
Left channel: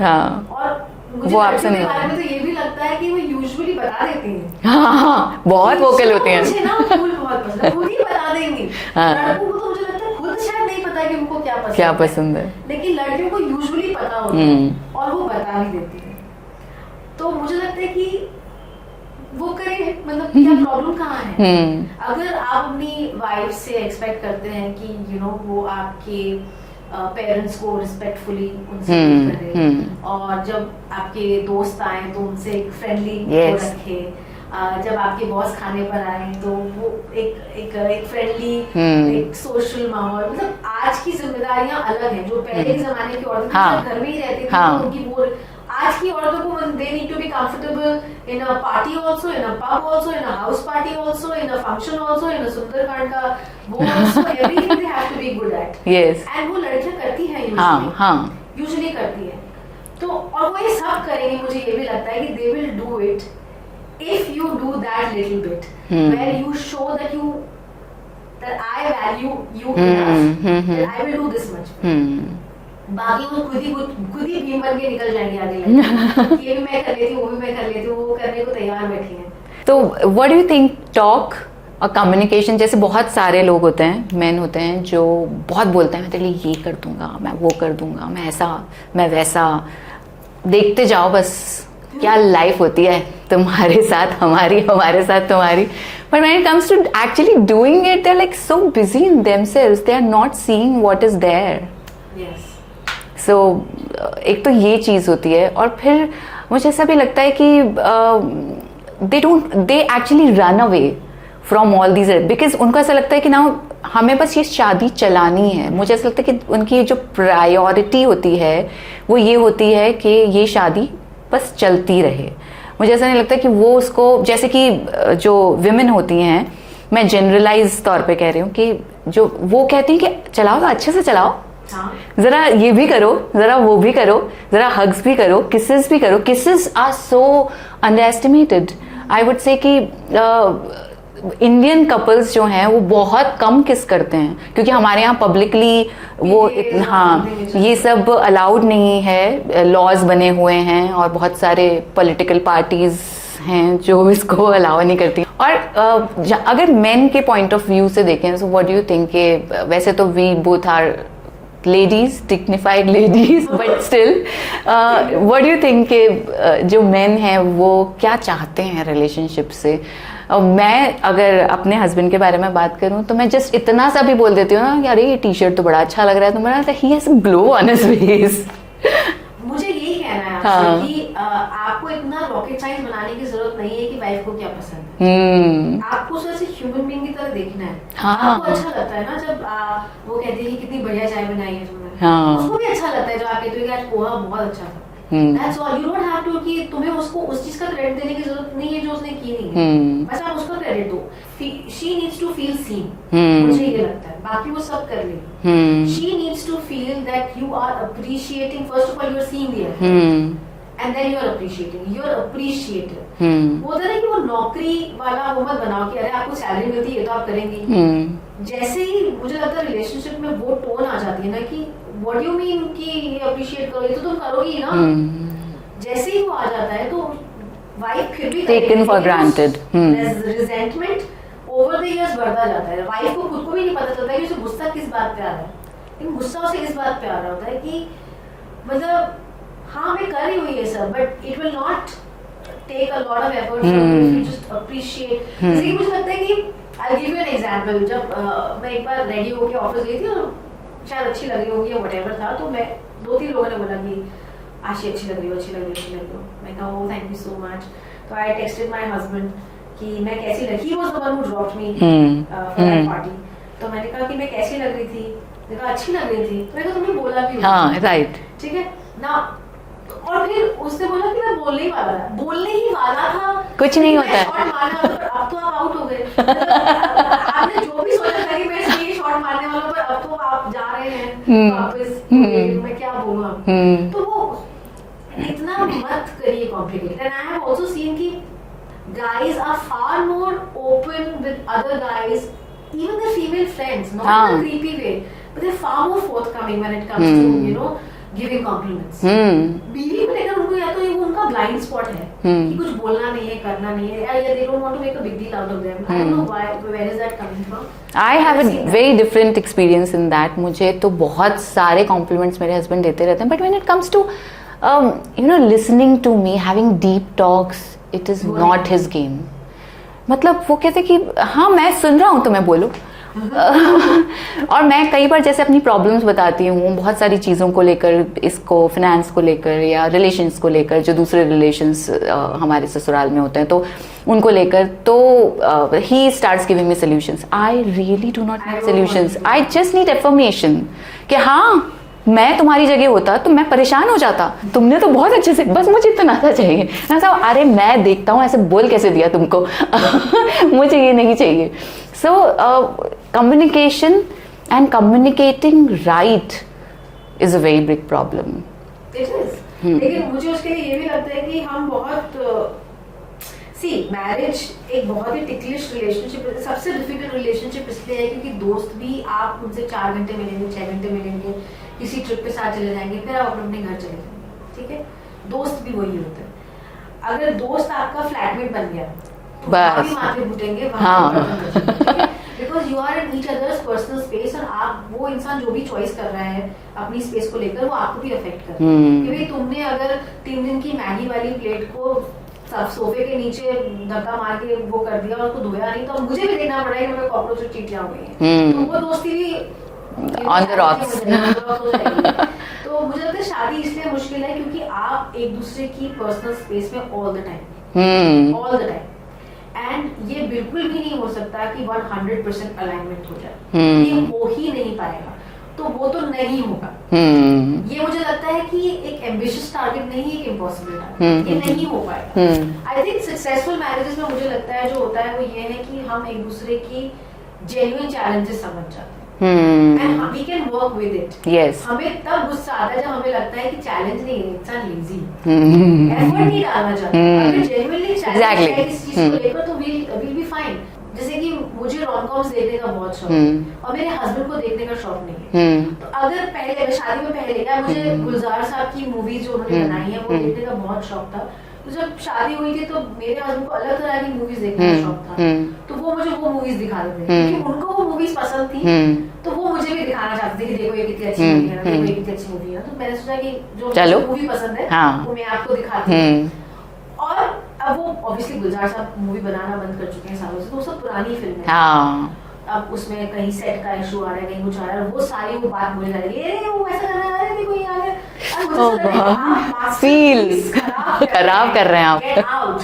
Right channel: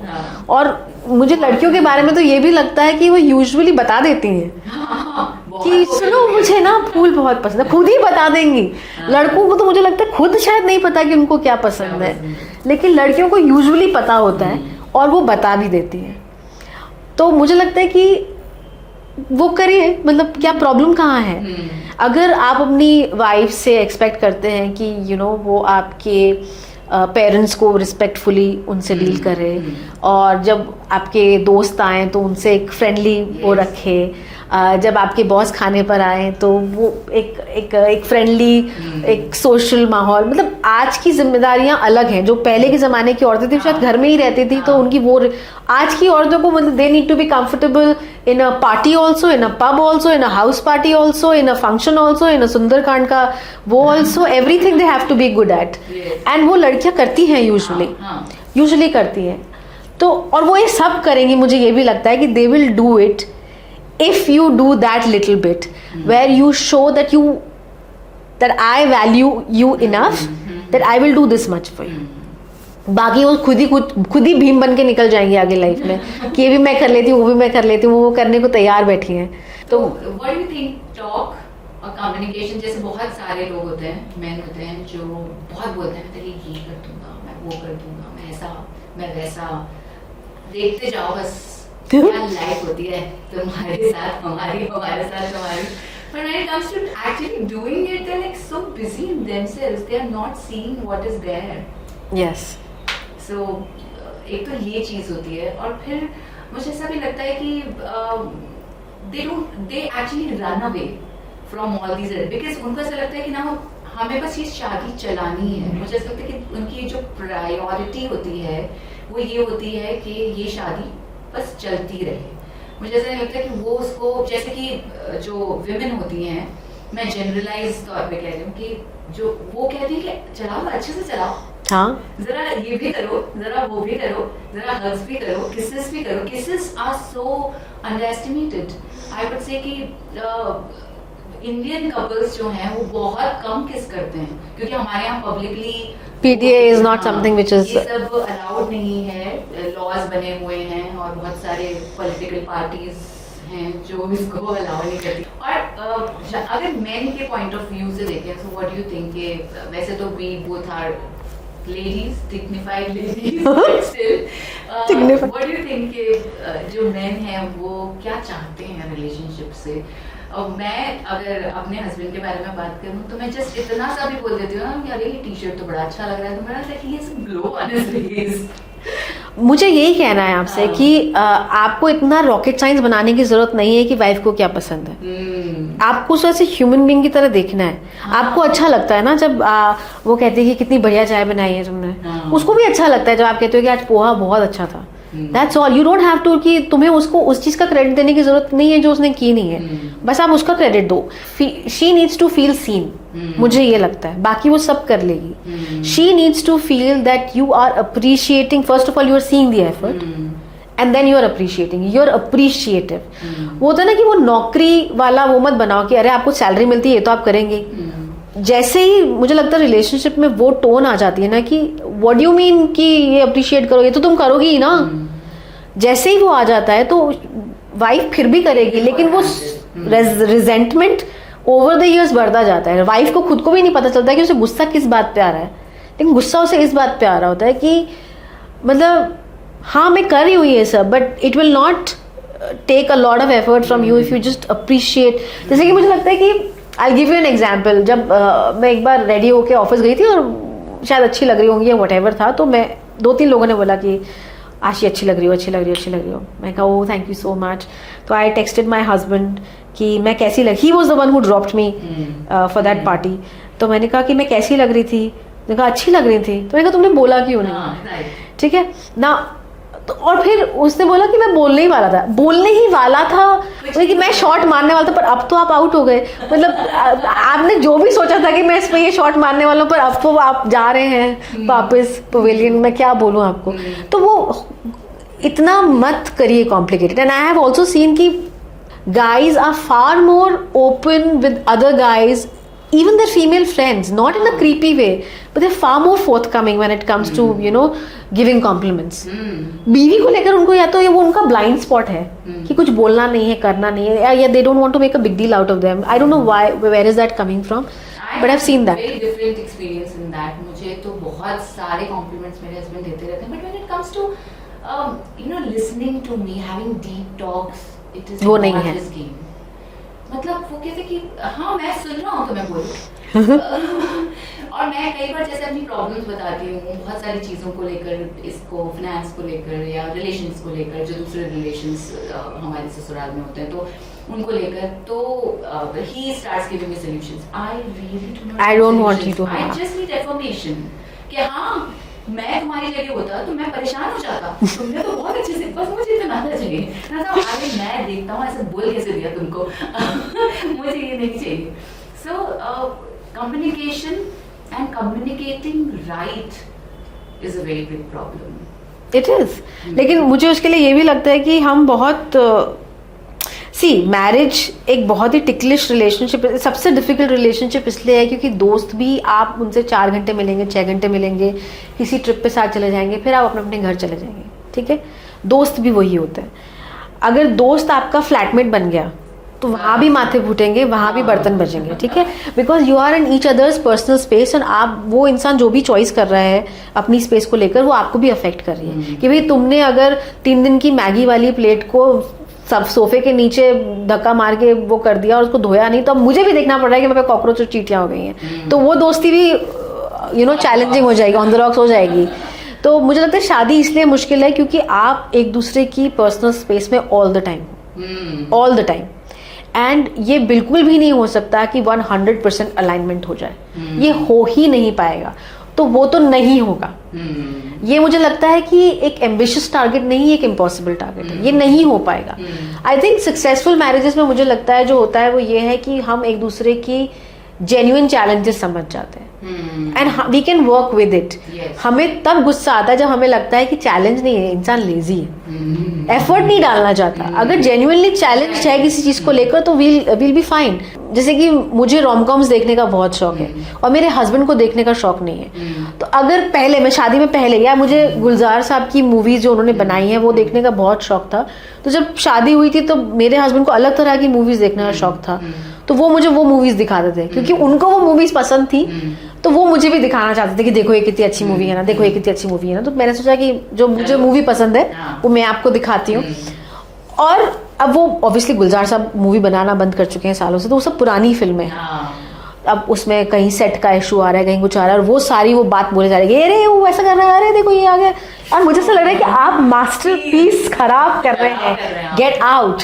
और मुझे वो लड़कियों के आपसे बारे में तो ये भी लगता है कि वो यूजुअली बता देती हैं हाँ, बहुत कि वोकल सुनो, होती हैं। मुझे ना फूल बहुत पसंद है, खुद ही बता देंगी। हाँ। लड़कों को तो मुझे लगता है खुद शायद नहीं पता कि उनको क्या पसंद है, लेकिन लड़कियों को यूजुअली पता होता है और वो बता भी देती है। तो मुझे लगता है कि वो करिए, मतलब क्या प्रॉब्लम कहाँ है। अगर आप अपनी वाइफ से एक्सपेक्ट करते हैं कि वो आपके पेरेंट्स को रिस्पेक्टफुली उनसे डील करे, और जब आपके दोस्त आए तो उनसे एक फ्रेंडली वो रखे, जब आपके बॉस खाने पर आए तो वो एक फ्रेंडली एक सोशल माहौल, मतलब आज की जिम्मेदारियां अलग हैं। जो पहले के जमाने की औरतें थी शायद घर में ही रहती थी, तो उनकी वो आज की औरतों को मतलब they need to be comfortable in a party also, in a pub also, in a house party also, in a function also, in a Sundarkand का वो also, everything they have to be good at. And वो लड़कियां करती हैं usually करती हैं। तो और वो ये सब करेंगी, मुझे ये भी लगता है कि they will do it if you do that little bit where you show that I value you enough that I will do this much for you. बाकी वो खुद ही भीम बन के निकल जाएंगे आगे लाइफ में कि ये भी मैं कर लेती हूँ, वो भी मैं कर लेती हूँ, वो करने को तैयार बैठी हैं। तो what do you think talk और कम्युनिकेशन, जैसे बहुत सारे लोग होते हैं, मेन होते हैं जो बहुत बोलते हैं, मैं तेरे लिए ये कर दूंगा, मैं वो कर दूंगा, मैं ऐसा मैं वैसा, देखते जाओ बस क्या लाइफ होती है तुम्हारे साथ हमारे साथ तुम्हारी। But when it comes to actually doing it, they're like so busy in themselves, they are not seeing what is there. Yes. So एक तो ये चीज होती है, और फिर मुझे ऐसा भी लगता है कि they actually run away from all these, because उनको ऐसा लगता है कि ना हमें बस ये शादी चलानी है। मुझे ऐसा लगता है कि उनकी जो प्रायोरिटी होती है वो ये होती है कि ये शादी बस चलती रहे। मुझे ऐसा नहीं लगता कि वो उसको, जैसे कि जो विमेन होती हैं, मैं जनरलाइज तौर पे कह रही हूँ, कि जो वो कहती हैं कि चलाओ अच्छे से चलाओ, हाँ जरा ये भी करो, जरा वो भी करो, जरा हग्स भी करो, किसेस भी करो। Kisses are so underestimated. I would say कि इंडियन कपल्स जो हैं वो बहुत कम किस करते हैं, क्योंकि हमारे यहाँ पब्लिकली ये सब अलाउड नहीं है, लॉज बने हुए हैं, और बहुत सारे पॉलिटिकल पार्टीज हैं जो इसको अलाउ नहीं करती। और अगर मेन के पॉइंट ऑफ व्यू से देखें, so what do you think के, वैसे तो we both are ladies, dignified ladies, but still what do you think के जो मेन हैं वो क्या चाहते हैं रिलेशनशिप से? मैं अगर अपने हस्बैंड के बारे में बात करूं तो मैं जस्ट इतना सा भी बोल देती हूँ ना कि अरे ये टी शर्ट तो बड़ा अच्छा लग रहा है, तो मेरा he has glow on his face. मुझे यही कहना है आपसे कि आपको इतना रॉकेट साइंस बनाने की जरूरत नहीं है कि वाइफ को क्या पसंद है। आपको उसे ऐसे ह्यूमन बीइंग की तरह देखना है। आपको अच्छा लगता है ना जब वो कहती है कि कितनी बढ़िया चाय बनाई है तुमने, उसको भी अच्छा लगता है जब आप कहते हो कि आज पोहा बहुत अच्छा था। That's all. You don't have to कि तुम्हें उसको उस चीज का क्रेडिट देने की जरूरत नहीं है जो उसने की नहीं है, बस आप उसका क्रेडिट दो। She needs to feel seen. मुझे ये लगता है, बाकी वो सब कर लेगी। She needs to feel that you are appreciating. First of all, you are seeing the effort. And then you are appreciating. You are appreciative. वो होता है ना कि वो नौकरी वाला वो मत बनाओ कि अरे आपको सैलरी मिलती है ये तो आप करेंगे। जैसे ही मुझे लगता है रिलेशनशिप में वो टोन आ जाती है ना कि व्हाट डू यू मीन कि ये अप्रिशिएट करो, ये तो तुम करोगी ही ना, जैसे ही वो आ जाता है तो वाइफ फिर भी करेगी, लेकिन वो रिजेंटमेंट ओवर द इयर्स बढ़ता जाता है। वाइफ को खुद को भी नहीं पता चलता कि उसे गुस्सा किस बात पे आ रहा है, लेकिन गुस्सा उसे इस बात पे आ रहा होता है कि मतलब हाँ मैं कर रही हूँ ये सब, but it will not take a lot of effort from you if you just appreciate. जैसे कि मुझे लगता है कि I'll give you an example. जब मैं एक बार रेडी होके ऑफिस गई थी और शायद अच्छी लग रही होंगी या व्हाटएवर था, तो मैं 2-3 लोगों ने बोला कि आशी अच्छी लग रही हो, अच्छी लग रही हो, अच्छी लग रही हो। मैं कहा oh thank you so much. तो आई टेक्सटेड माई हस्बैंड कि मैं कैसी लग, he was the one who dropped me for that party. तो मैंने कहा कि मैं कैसी लग रही थी, मैंने कहा अच्छी लग रही थी। तो मैंने कहा तुमने बोला क्यों? राइट, ठीक है ना। तो और फिर उसने बोला कि मैं बोलने ही वाला था, बोलने ही वाला था कुछ नहीं, मैं शॉट मारने वाला था, पर अब तो आप आउट हो गए। मतलब आपने जो भी सोचा था कि मैं इस पे ये शॉट मारने वाला हूँ, पर अब तो आप जा रहे हैं वापस पवेलियन। मैं क्या बोलूँ आपको? तो वो इतना मत करिए complicated. And I have also seen कि guys are far more open with other guys even their female friends, not in a creepy way, but they're far more forthcoming when it comes to, you know, giving compliments. बीवी को लेकर उनको या तो ये वो उनका blind spot है कि कुछ बोलना नहीं है, करना नहीं है, या they don't want to make a big deal out of them. I don't know why, where is that coming from? I have a very different experience in that. मुझे तो बहुत सारे compliments मेरे husband देते रहते हैं, but when it comes to you know, listening to me, having deep talks, it is not his game. मतलब वो कहते कि हाँ मैं सुन रहा हूँ तो मैं बोलूँ और मैं कई बार जैसे अपनी प्रॉब्लम्स बताती हूँ बहुत सारी चीज़ों को लेकर, इसको फिनेंस को लेकर या रिलेशंस को लेकर, जो दूसरे रिलेशंस हमारे ससुराल में होते हैं तो उनको लेकर, तो he starts giving me solutions. I really do not need solutions. I just need affirmation कि हाँ मैं तुम्हारी जगह होता तो मैं परेशान हो जाता, तुमने तो बहुत अच्छे से, बस मुझे इतना सा चाहिए. ऐसा अरे मैं देखता हूँ ऐसे बोल कैसे दिया तुमको मुझे ये नहीं चाहिए. So communication and communicating right is a very big problem. It is. लेकिन मुझे उसके लिए ये भी लगता है कि हम बहुत मैरिज एक बहुत ही टिकलिश रिलेशनशिप, सबसे डिफिकल्ट रिलेशनशिप इसलिए है क्योंकि दोस्त भी आप उनसे 4 घंटे मिलेंगे, 6 घंटे मिलेंगे, किसी ट्रिप पे साथ चले जाएंगे, फिर आप अपने अपने घर चले जाएंगे. ठीक है, दोस्त भी वही होते हैं. अगर दोस्त आपका फ्लैटमेट बन गया तो वहाँ भी माथे फूटेंगे, वहाँ भी बर्तन बचेंगे. ठीक है, because you are in each other's personal space, और आप वो इंसान जो भी चॉइस कर रहा है अपनी स्पेस को लेकर, वो आपको भी अफेक्ट कर रही है. कि भाई तुमने अगर 3 दिन की मैगी वाली प्लेट को सब सोफे के नीचे धक्का मार के वो कर दिया और उसको धोया नहीं, तो अब मुझे भी देखना पड़ रहा है कि मेरे कॉकरोच और चींटियां हो गई हैं. तो वो दोस्ती भी यू नो चैलेंजिंग हो जाएगी, ऑन द रॉक्स हो जाएगी. तो मुझे लगता है शादी इसलिए मुश्किल है क्योंकि आप एक दूसरे की पर्सनल स्पेस में ऑल द टाइम, एंड ये बिल्कुल भी नहीं हो सकता कि 100% अलाइनमेंट हो जाए. ये हो ही नहीं पाएगा, तो वो तो नहीं होगा. ये मुझे लगता है कि एक एम्बिशियस टारगेट नहीं, एक इम्पॉसिबल टारगेट. ये नहीं हो पाएगा. आई थिंक सक्सेसफुल मैरिजेस में मुझे लगता है जो होता है वो ये है कि हम एक दूसरे की जेन्युइन चैलेंजेस समझ जाते हैं and we can work with it. हमें तब गुस्सा आता है जब हमें लगता है कि चैलेंज नहीं है, इंसान लेजी है, एफर्ट नहीं डालना चाहता. अगर जेन्युइनली चैलेंज है किसी चीज को लेकर तो विल बी फाइन. जैसे कि मुझे रोमकॉम्स देखने का बहुत शौक है और मेरे हस्बैंड को देखने का शौक नहीं है. तो अगर पहले मैं शादी में पहले, या मुझे गुलजार साहब की मूवीज जो उन्होंने बनाई है वो देखने का बहुत शौक था, तो जब शादी हुई थी तो मेरे हस्बैंड को अलग तरह की मूवीज देखने का शौक था. तो वो मुझे वो मूवीज दिखाते थे क्योंकि उनको वो मूवीज पसंद थी, तो वो मुझे भी दिखाना चाहते थे कि देखो ये कितनी अच्छी मूवी है ना, देखो ये कितनी अच्छी मूवी है ना. तो मैंने सोचा कि जो मुझे मूवी पसंद है वो मैं आपको दिखाती हूँ. और अब वो ऑब्वियसली गुलजार साहब मूवी बनाना बंद कर चुके हैं सालों से, तो वो सब पुरानी फिल्में हैं. अब उसमें कहीं सेट का इशू आ रहा है, कहीं कुछ आ रहा है, और वो सारी वो बात बोले जा रही है, अरे वो ऐसा कर रहा है, अरे देखो ये आ गया. और मुझे ऐसा लग रहा है कि आप मास्टरपीस खराब कर रहे हैं, गेट आउट.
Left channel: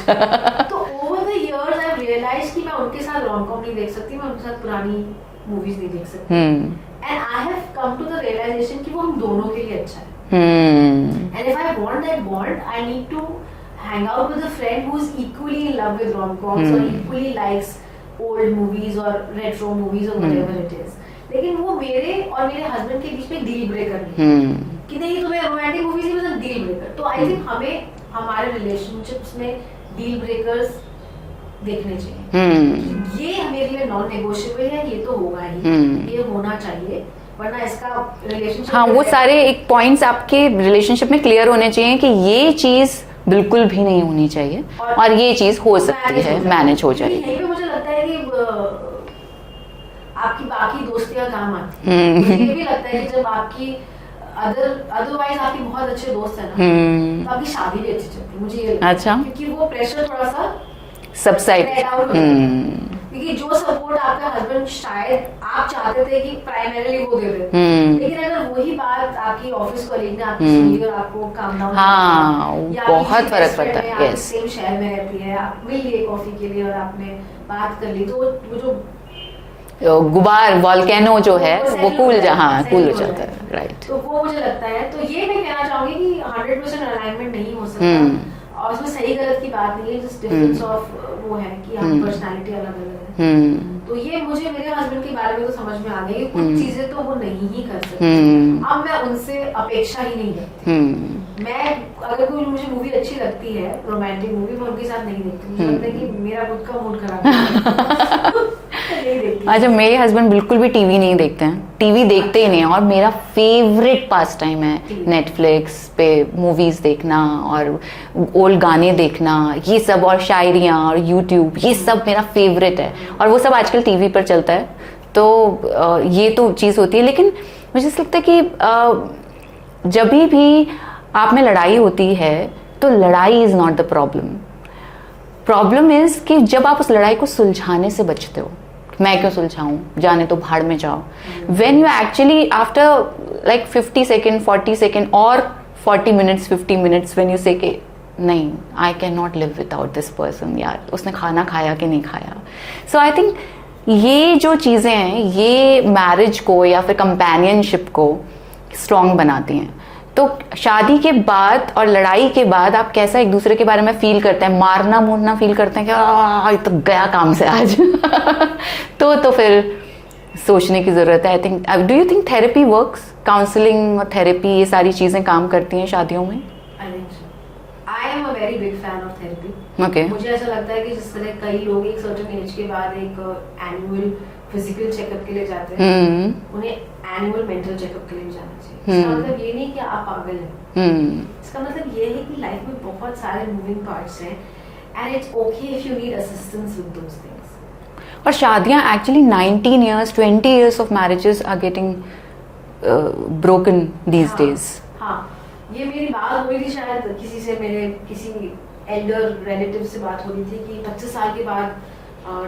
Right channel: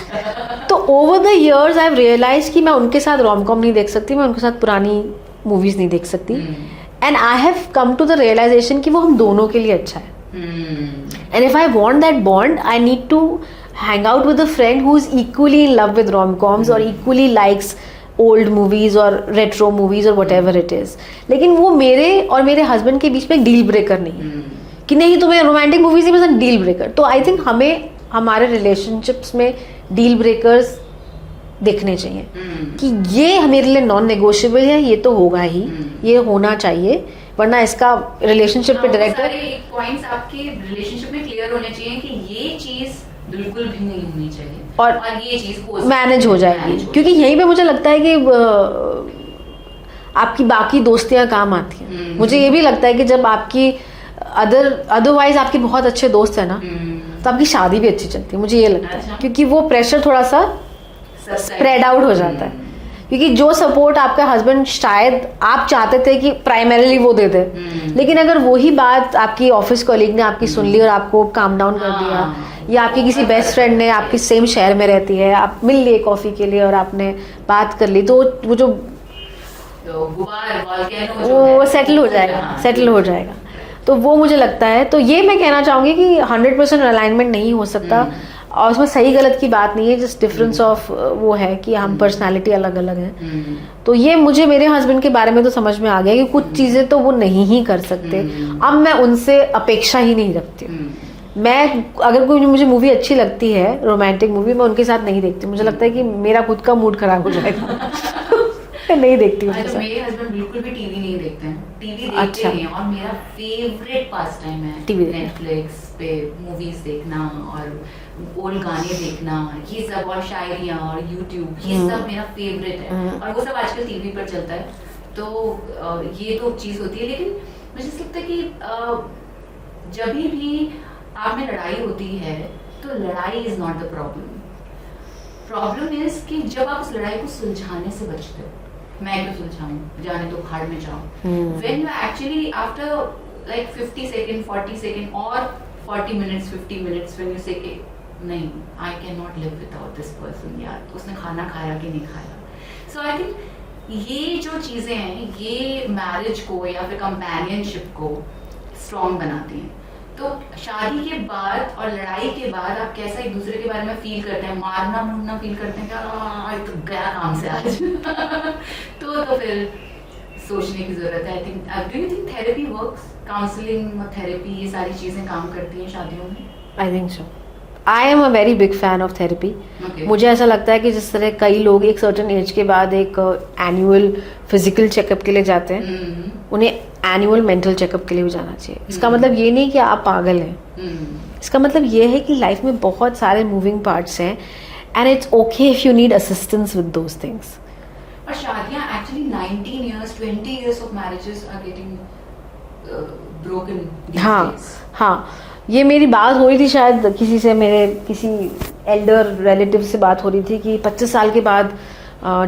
तो over the years I have realised कि मैं उनके साथ रोमकॉम नहीं देख सकती, मैं उनके साथ पुरानी मूवीज नहीं देख सकती. And I have come to the realisation कि वो हम दोनों के लिए अच्छा है. And if I want that bond, I need to hang out with a friend who is equally in love with rom-coms or equally likes old movies or retro movies or whatever it is. लेकिन वो मेरे और मेरे husband के बीच में deal breaker नहीं कि नहीं तुम्हें रोमांटिक मूवीज नहीं पसंद, डील ब्रेकर. तो आई थिंक हमें हमारे रिलेशनशिप्स में डील ब्रेकर्स देखने चाहिए कि ये मेरे लिए नॉन नेगोशिएबल है, ये तो होगा ही, ये होना चाहिए, वरना इसका रिलेशनशिप वो सारे एक पॉइंट्स आपके रिलेशनशिप में क्लियर होने चाहिए कि ये चीज बिल्कुल भी नहीं होनी चाहिए और ये चीज हो मैनेज हो जाए. क्योंकि यहीं पे मुझे लगता है कि आपकी बाकी दोस्तियां काम आती हैं. मुझे ये भी लगता है कि जब आपकी अदरवाइज आपके बहुत अच्छे दोस्त है ना, तो आपकी शादी भी अच्छी चलती है. मुझे ये लगता है. अच्छा. क्योंकि वो प्रेशर थोड़ा सा स्प्रेड आउट हो जाता है. क्योंकि जो सपोर्ट आपका हस्बैंड शायद आप चाहते थे कि प्राइमरीली वो दे दे, लेकिन अगर वही बात आपकी ऑफिस कॉलीग ने आपकी सुन ली और आपको काम डाउन कर दिया, या आपकी किसी बेस्ट फ्रेंड ने, आपके सेम शहर में रहती है, आप मिल लिए कॉफी के लिए और आपने बात कर ली, तो वो जो गुबार वॉल्केनो जो है वो सेटल हो जाएगा. तो वो मुझे लगता है. तो ये मैं कहना चाहूंगी कि 100% अलाइनमेंट नहीं हो सकता, और उसमें सही गलत की बात नहीं है, जस्ट डिफरेंस ऑफ वो है कि हम पर्सनालिटी अलग अलग है. तो ये मुझे मेरे हस्बैंड के बारे में तो समझ में आ गया कि कुछ चीजें तो वो नहीं ही कर सकते. अब मैं उनसे अपेक्षा ही नहीं रखती. मैं अगर कोई मुझे मूवी अच्छी लगती है, रोमांटिक मूवी, मैं उनके साथ नहीं देखती. मुझे लगता है कि मेरा खुद का मूड खराब हो जाएगा. नहीं देखती हूँ। अच्छा, मेरे हस्बैंड बिल्कुल भी टीवी नहीं देखते हैं, टीवी देखते ही नहीं है, और मेरा फेवरेट पास टाइम है TV नेटफ्लिक्स पे मूवीज देखना और ओल्ड गाने देखना, ये सब, और शायरियाँ और यूट्यूब, ये सब मेरा फेवरेट है, और वो सब आजकल टीवी पर चलता है। तो ये तो चीज़ होती है। लेकिन मुझे ऐसा लगता है कि जब भी आप में लड़ाई होती है तो लड़ाई is not the problem is कि जब आप उस लड़ाई को सुलझाने से बचते हो, मैं क्यों सुलझाऊं, जाने तो भाड़ में जाओ। When you actually after like 50 second 40 second और 40 मिनट्स 50 मिनट्स व्हेन यू से कि नहीं, आई can not live without this person, यार उसने खाना खाया कि नहीं खाया। सो आई थिंक ये जो चीजें हैं ये मैरिज को या फिर कंपेनियनशिप को स्ट्रॉन्ग बनाती हैं। तो शादी के बाद और लड़ाई के बाद आप कैसा एक दूसरे के बारे में फील करते हैं, मारना मोड़ना फील करते हैं कि ये तो गया काम से आज तो फिर सोचने की जरूरत है। I think, do you think therapy works, counselling और थेरेपी ये सारी चीजें काम करती हैं शादियों में? I think so. I am a very big fan of therapy. Okay. मुझे ऐसा लगता है कि जिस तरह कई लोग एक सर्टेन एज के बाद एक एनुअल फिजिकल चेकअप के लिए जाते हैं, उन्हें एनुअल मेंटल चेकअप के लिए भी जाना चाहिए। इसका मतलब ये नहीं कि आप पागल हैं, इसका मतलब ये है कि लाइफ में बहुत सारे मूविंग पार्ट्स हैं and it's okay if you need assistance with those things. और शादियां actually 19 years 20 years of marriages are getting broken these days. हाँ, ये मेरी बात हो रही थी शायद किसी से, मेरे किसी एल्डर रिलेटिव से बात हो रही थी कि 25 साल के बाद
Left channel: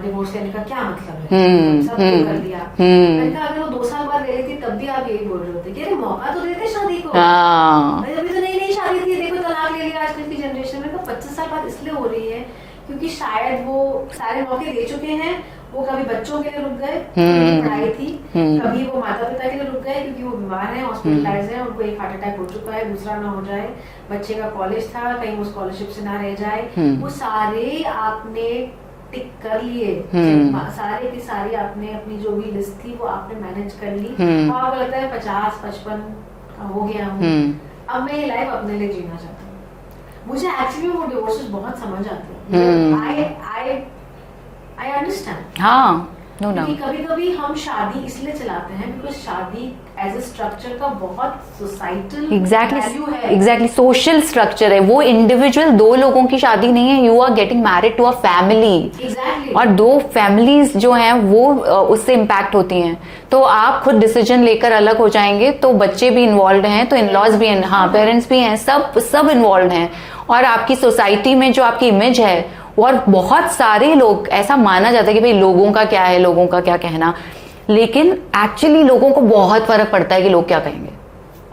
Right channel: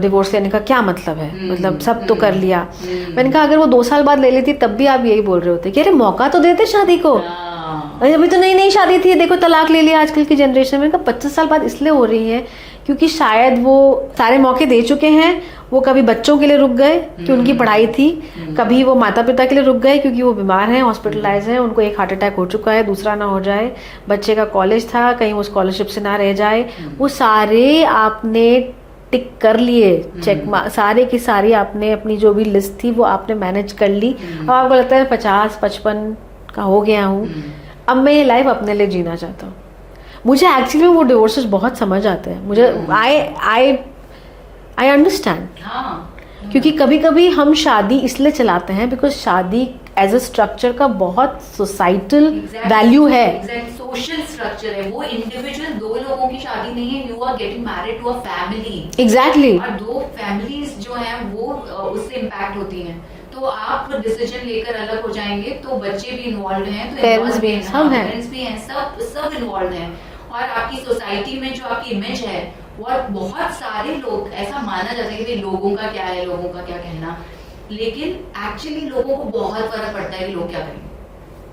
डिवोर्स लेने का क्या मतलब है, मतलब सब तो कर लिया। मैंने कहा अगर वो 2 साल बाद ले लेती तब भी आप यही बोल रहे होते कि अरे मौका तो देते शादी को, अभी तो नई शादी थी, देखो तलाक ले लिया आजकल की जनरेशन में। 25 साल बाद इसलिए हो रही है क्योंकि शायद वो सारे मौके दे चुके हैं, वो कभी बच्चों के लिए रुक गए क्योंकि उनकी पढ़ाई थी, कभी वो माता पिता के लिए रुक गए क्योंकि वो बीमार हैं, हॉस्पिटलाइज हैं, उनको एक हार्ट अटैक हो चुका है, दूसरा ना हो जाए, बच्चे का कॉलेज था कहीं वो स्कॉलरशिप से ना रह जाए। वो सारे आपने टिक कर लिए, चेक सारे की सारी आपने अपनी जो भी लिस्ट थी वो आपने मैनेज कर ली। और आपको लगता है 50-55 का हो गया हूँ, अब मैं ये लाइफ अपने लिए जीना चाहता हूँ। मुझे एक्चुअली वो डिवोर्सेस बहुत समझ आते हैं, मुझे आई अंडरस्टैंड। हाँ, क्योंकि कभी कभी हम शादी इसलिए चलाते हैं बिकॉज शादी एज अ स्ट्रक्चर का बहुत सोसाइटल वैल्यू है। एग्जैक्टली, सोशल स्ट्रक्चर है वो। इंडिविजुअल 2 लोगों की शादी नहीं है, you are getting married to a family. Exactly. और 2 फैमिलीज जो हैं वो उससे इम्पैक्ट होती हैं। तो आप खुद डिसीजन लेकर अलग हो जाएंगे तो बच्चे भी इन्वॉल्व हैं, तो इन-लॉज भी हैं, हाँ पेरेंट्स भी हैं, सब इन्वॉल्व हैं। और आपकी सोसाइटी में जो आपकी इमेज है, और बहुत सारे लोग, ऐसा माना जाता है कि भाई लोगों का क्या है, लोगों का क्या कहना, लेकिन एक्चुअली लोगों को बहुत फर्क पड़ता है कि लोग क्या कहेंगे,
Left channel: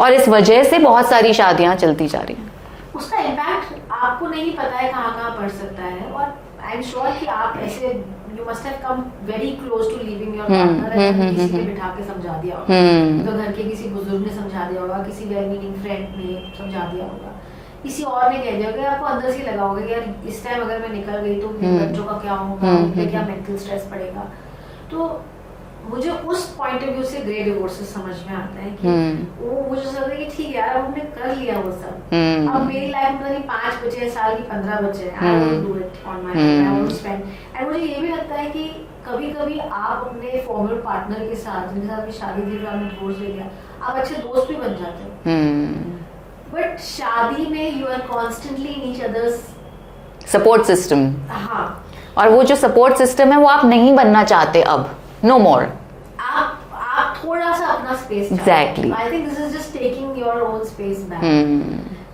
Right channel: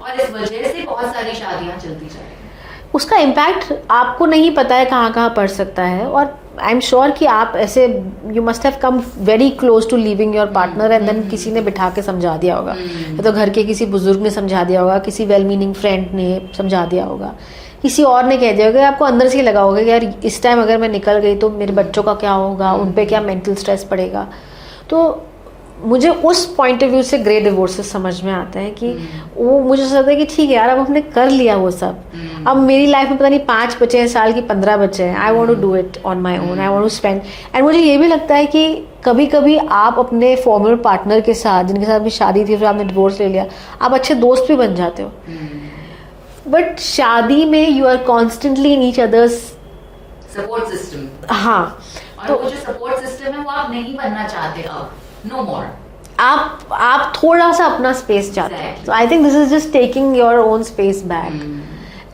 और इस वजह से बहुत सारी शादियां चलती जा रही हैं। उसका इम्पैक्ट आपको नहीं पता है कहाँ कहाँ पड़ सकता है। और आई एम श्योर कि आप ऐसे, you must have come very close to living your partner and then किसी ने बिठा के समझा दिया होगा, तो घर के किसी बुजुर्ग ने समझा दिया होगा, किसी वेल मीनिंग फ्रेंड ने समझा दिया होगा, किसी और ने कह दिया होगा। आपको अंदर से ही लगा होगा कि यार इस टाइम अगर मैं निकल गई तो मेरे बच्चों का क्या होगा, उन पे क्या मेंटल स्ट्रेस पड़ेगा। तो मुझे उस पॉइंट ऑफ व्यू से ग्रे डिवोर्सेस समझ में आता है कि वो मुझे लगता है कि ठीक है यार, अब हमने कर लिया वो सब, अब मेरी लाइफ में पता नहीं 5 बचे हैं साल की 15 बचे हैं, I want to do it on my own, I want to spend. And मुझे ये भी लगता है कि कभी कभी आप अपने फॉर्मर पार्टनर के साथ, जिनके साथ भी शादी थी फिर आपने डिवोर्स ले लिया, आप अच्छे दोस्त भी बन जाते हो। बट शादी में you are constantly in each other's support system. हाँ, और वो जो सपोर्ट सिस्टम है वो आप नहीं बनना चाहते अब, नो मोर। आप थोड़ा सा अपना स्पेस चाहते हैं। I think this is just taking your own space back.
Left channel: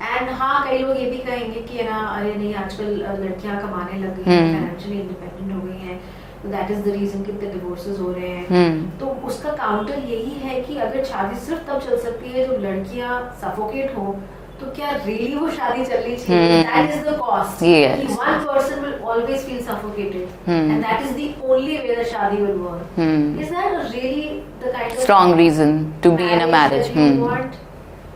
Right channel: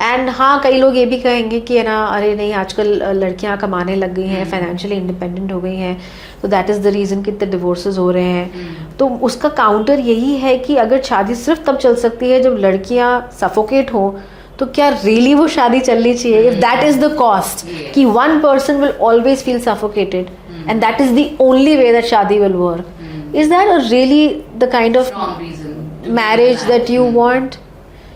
And हाँ, कई लोग ये भी कहेंगे कि है ना, अरे नहीं आजकल लड़कियां कमाने लग गई हैं, फाइनेंशियली इंडिपेंडेंट हो गई हैं, तो दैट इज द रीजन कि इतने डिवोर्सेस हो रहे हैं। तो उसका काउंटर यही है कि अगर शादी सिर्फ तब चल सकती है जब लड़कियां सफोकेट हो, तो क्या रियली वो शादी चलनी चाहिए? दैट इज द कॉस्ट कि one person will always feel suffocated and that is the only way that शादी will work. Is that really the kind of strong reason to marriage that you want?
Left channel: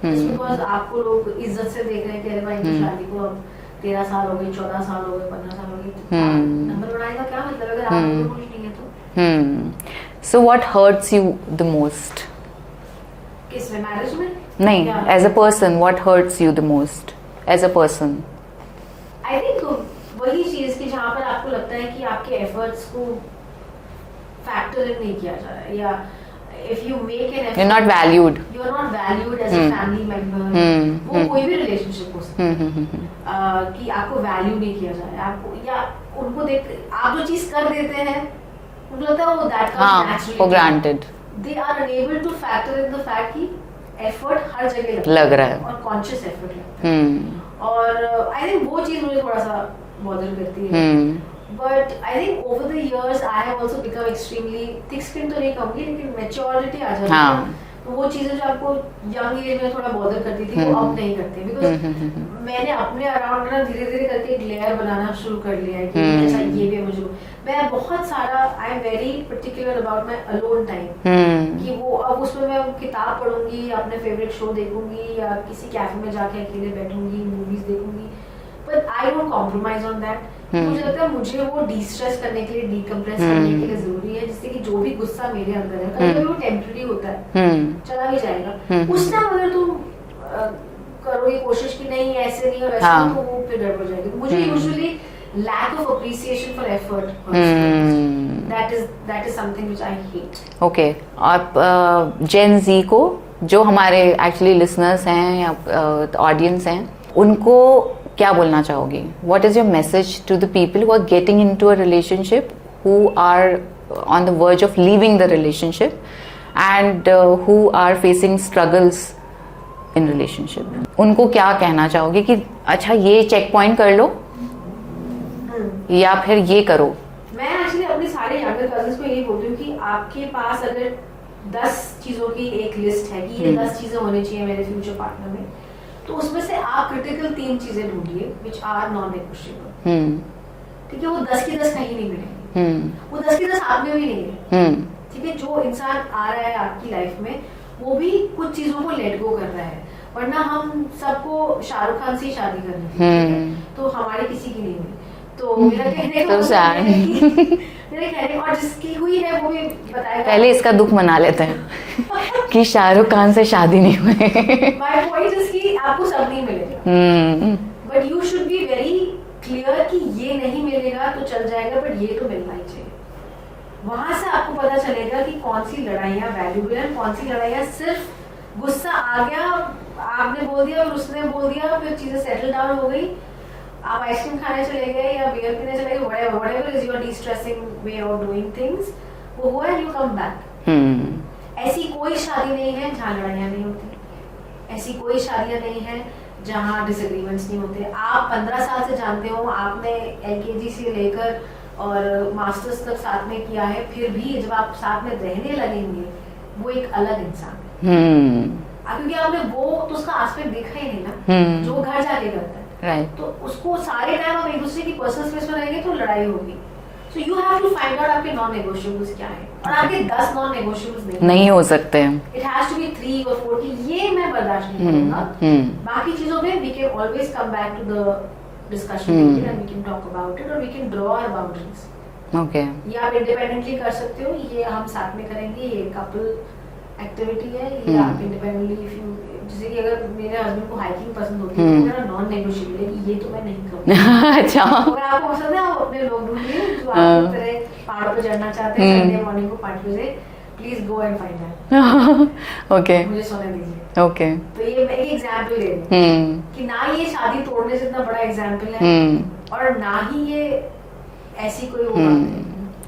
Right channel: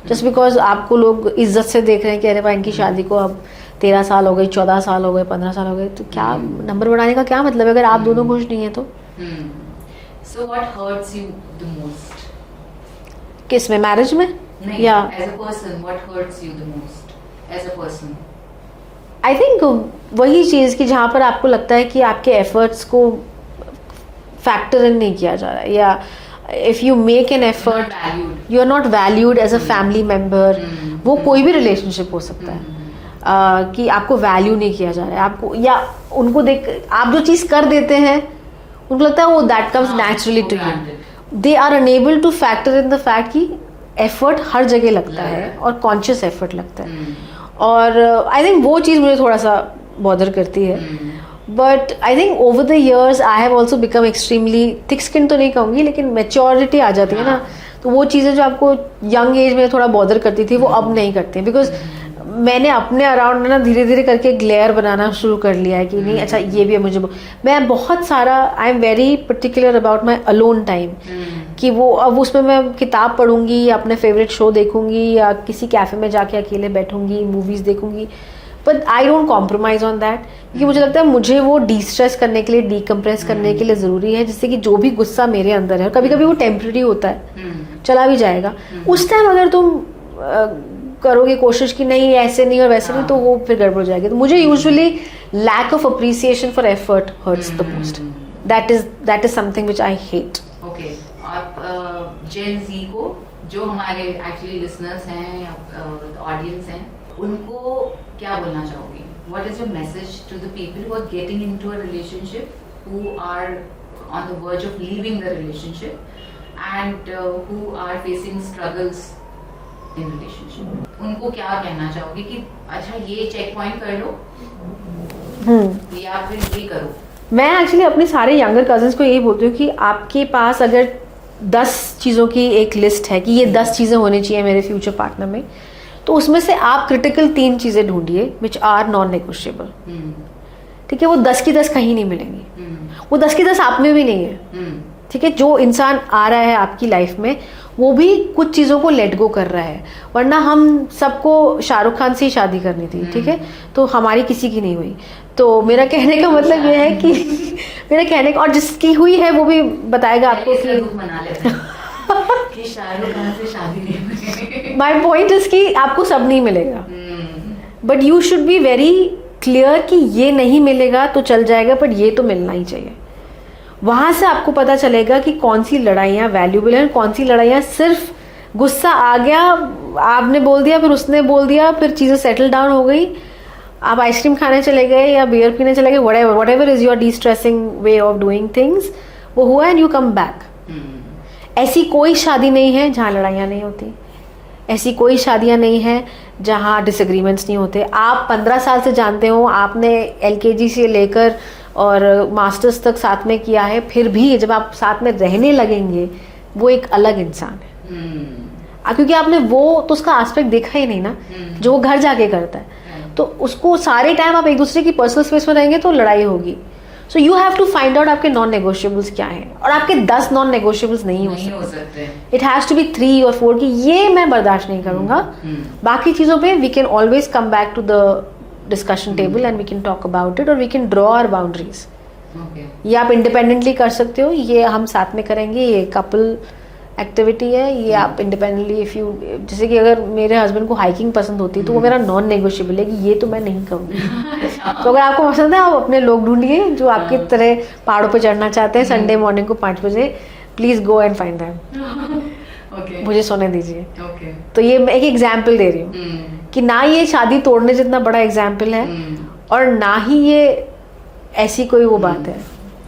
Just because आपको लोग इज्जत से देख रहे हैं कि अरे भाई इनकी शादी को अब 13 साल हो गई, 14 साल हो गए, 15 साल हो गए, तो क्या नंबर बढ़ाने का क्या मतलब है अगर आप दोनों खुश नहीं है तो? So what hurts you the most? किस में, मैरिज में? नहीं, as a person what hurts you the most as a person? I think वही चीज कि जहां पर आपको लगता है कि आपके एफर्ट्स को फैक्टर इन नहीं किया जा रहा है, या if you make an effort not valued, you are not valued as a family member. वो कोई भी रिलेशनशिप हो सकता है कि आपको वैल्यू नहीं किया जा रहा है, आपको या उनको देख आप जो चीज कर देते हैं उनको लगता है वो that comes naturally granted, they are unable to factor in the fact कि एफर्ट हर जगह लग रहा है और कॉन्शियस एफर्ट लगता है। और आई थिंक वो चीज मुझे थोड़ा सा बॉदर करती है। But I think over the years I have also become extremely thick skin तो नहीं कहूंगी, लेकिन मेच्योरिटी आ जाती है ना, तो वो चीजें जो आपको यंग एज में थोड़ा बॉदर करती थी वो अब नहीं करती, बिकॉज मैंने अपने अराउंड में ना धीरे धीरे करके ग्लेयर बनाना शुरू कर लिया है कि नहीं अच्छा ये भी है मुझे। मैं बहुत सारा I am very particular about my alone time, कि वो अब उसमें मैं किताब पढ़ूंगी या अपने फेवरेट शो देखूंगी या किसी कैफे में जाके अकेले बैठूंगी, मूवीज देखूंगी, but I don't compromise on that, क्योंकि मुझे लगता है मुझे वो डिस्ट्रेस करने के लिए, डीकम्प्रेस करने के लिए जरूरी है, जिससे कि जो भी गुस्सा मेरे अंदर है, कभी कभी वो टेम्पररी होता है, चला भी जाएगा, उस टाइम अगर तुम करोगे कोशिश कि नहीं ऐसे नहीं और वैसे नहीं, तो वो फिर गड़बड़ हो जाएगी। तो मुझे usually lack of appreciation for effort hurts the most, that is something which I hate. Okay, आप जेन जी को, जो हमारे एक्चुअली लिसनर्स हैं या ऑडियंस हैं, उनको क्या बोलना चाहोगी? What is your message to the people who are getting into a relationship, who are on the verge of leaving the relationship and who are facing struggles in relationship? उनको क्या कहना चाहोगे कि अच्छा ये चेक पॉइंट कर लो या फिर ये करो? मैं एक्चुअली अपने सारे यंगर कजिन्स को यही बोलती हूँ कि आपके पास अगर 10 चीज़ों की एक लिस्ट है कि ये 10 चीज़ें होनी चाहिए मेरे फ्यूचर पार्टनर में, तो उसमें से आप क्रिटिकल 3 चीज़ें ढूंढिए विच आर नॉन नेगोशिएबल। ठीक है, वो 10 की 10 कहीं नहीं मिलेंगी, वो 10 की 10 आप में भी नहीं है। ठीक है, जो इंसान आ रहा है आपकी लाइफ में वो भी कुछ चीज़ों को लेट गो कर रहा है, वरना हम सबको शाहरुख खान से ही शादी करनी थी। ठीक है, तो हमारी किसी की नहीं हुई। तो मेरा कहने का मतलब ये है कि मेरा कहने का, और जिसकी हुई है वो भी बताएगा। पहले इसका दुख मना लेते हैं कि शाहरुख खान से शादी नहीं हुई। माई पॉइंट इज कि आपको सब नहीं मिलेगा, but you should be very clear कि ये नहीं मिलेगा तो चल जाएगा, बट ये तो मिलना ही चाहिए। वहां से आपको पता चलेगा कि कौन सी लड़ाइयाँ वैल्यूबल हैं, कौन सी लड़ाइयाँ सिर्फ गुस्सा आ गया, आपने बोल दिया, फिर उसने बोल दिया, फिर चीज़ें सेटल डाउन हो गई, आप आइसक्रीम खाने चले गए या बियर पीने चले गए, whatever is your de-stressing way of doing things, वो हुआ एंड यू कम बैक। ऐसी कोई शादी नहीं है जहाँ लड़ाइयाँ नहीं होती, ऐसी कोई शादियाँ नहीं हैं जहाँ डिसएग्रीमेंट्स नहीं होते। आप 15 साल से जानते हो, आपने LKG से लेकर और मास्टर्स तक साथ में किया है, फिर भी जब आप साथ में रहने लगेंगे वो एक अलग इंसान है। क्योंकि आपने वो तो उसका एस्पेक्ट देखा ही नहीं ना, जो वो घर जाके करता है। तो उसको सारे टाइम आप एक दूसरे की पर्सनल स्पेस में रहेंगे तो लड़ाई होगी। So you have to find out आपके नॉन नेगोशिएबल्स क्या हैं, और आपके 10 नॉन नेगोशिएबल्स नहीं हो सकते। इट हैज टू बी 3 और 4 कि ये मैं बर्दाश्त नहीं करूंगा। बाकी चीजों पे we can always come back to the discussion table and we can talk about it, और we can draw our boundaries. ये आप इंडिपेंडेंटली कर सकते हो, ये हम साथ में करेंगे, ये कपल एक्टिविटी है, ये आप इंडिपेंडेंटली इफ यू, जैसे कि अगर मेरे हस्बैंड को हाइकिंग पसंद होती है तो वो मेरा नॉन नेगोशिएबल है कि ये तो मैं नहीं करूँगी। अच्छा, तो अगर आपको पसंद है आप अपने लोग ढूंढिए जो आपकी तरह पहाड़ों पे चढ़ना चाहते हैं संडे मॉर्निंग को 5 बजे, please go and find them. Okay, मुझे सोने दीजिए। ओके, तो ये मैं एक एग्जाम्पल दे रही हूँ कि ना ये शादी तोड़ने जितना बड़ा एग्जाम्पल है और ना ही ये ऐसी कोई वो बात है।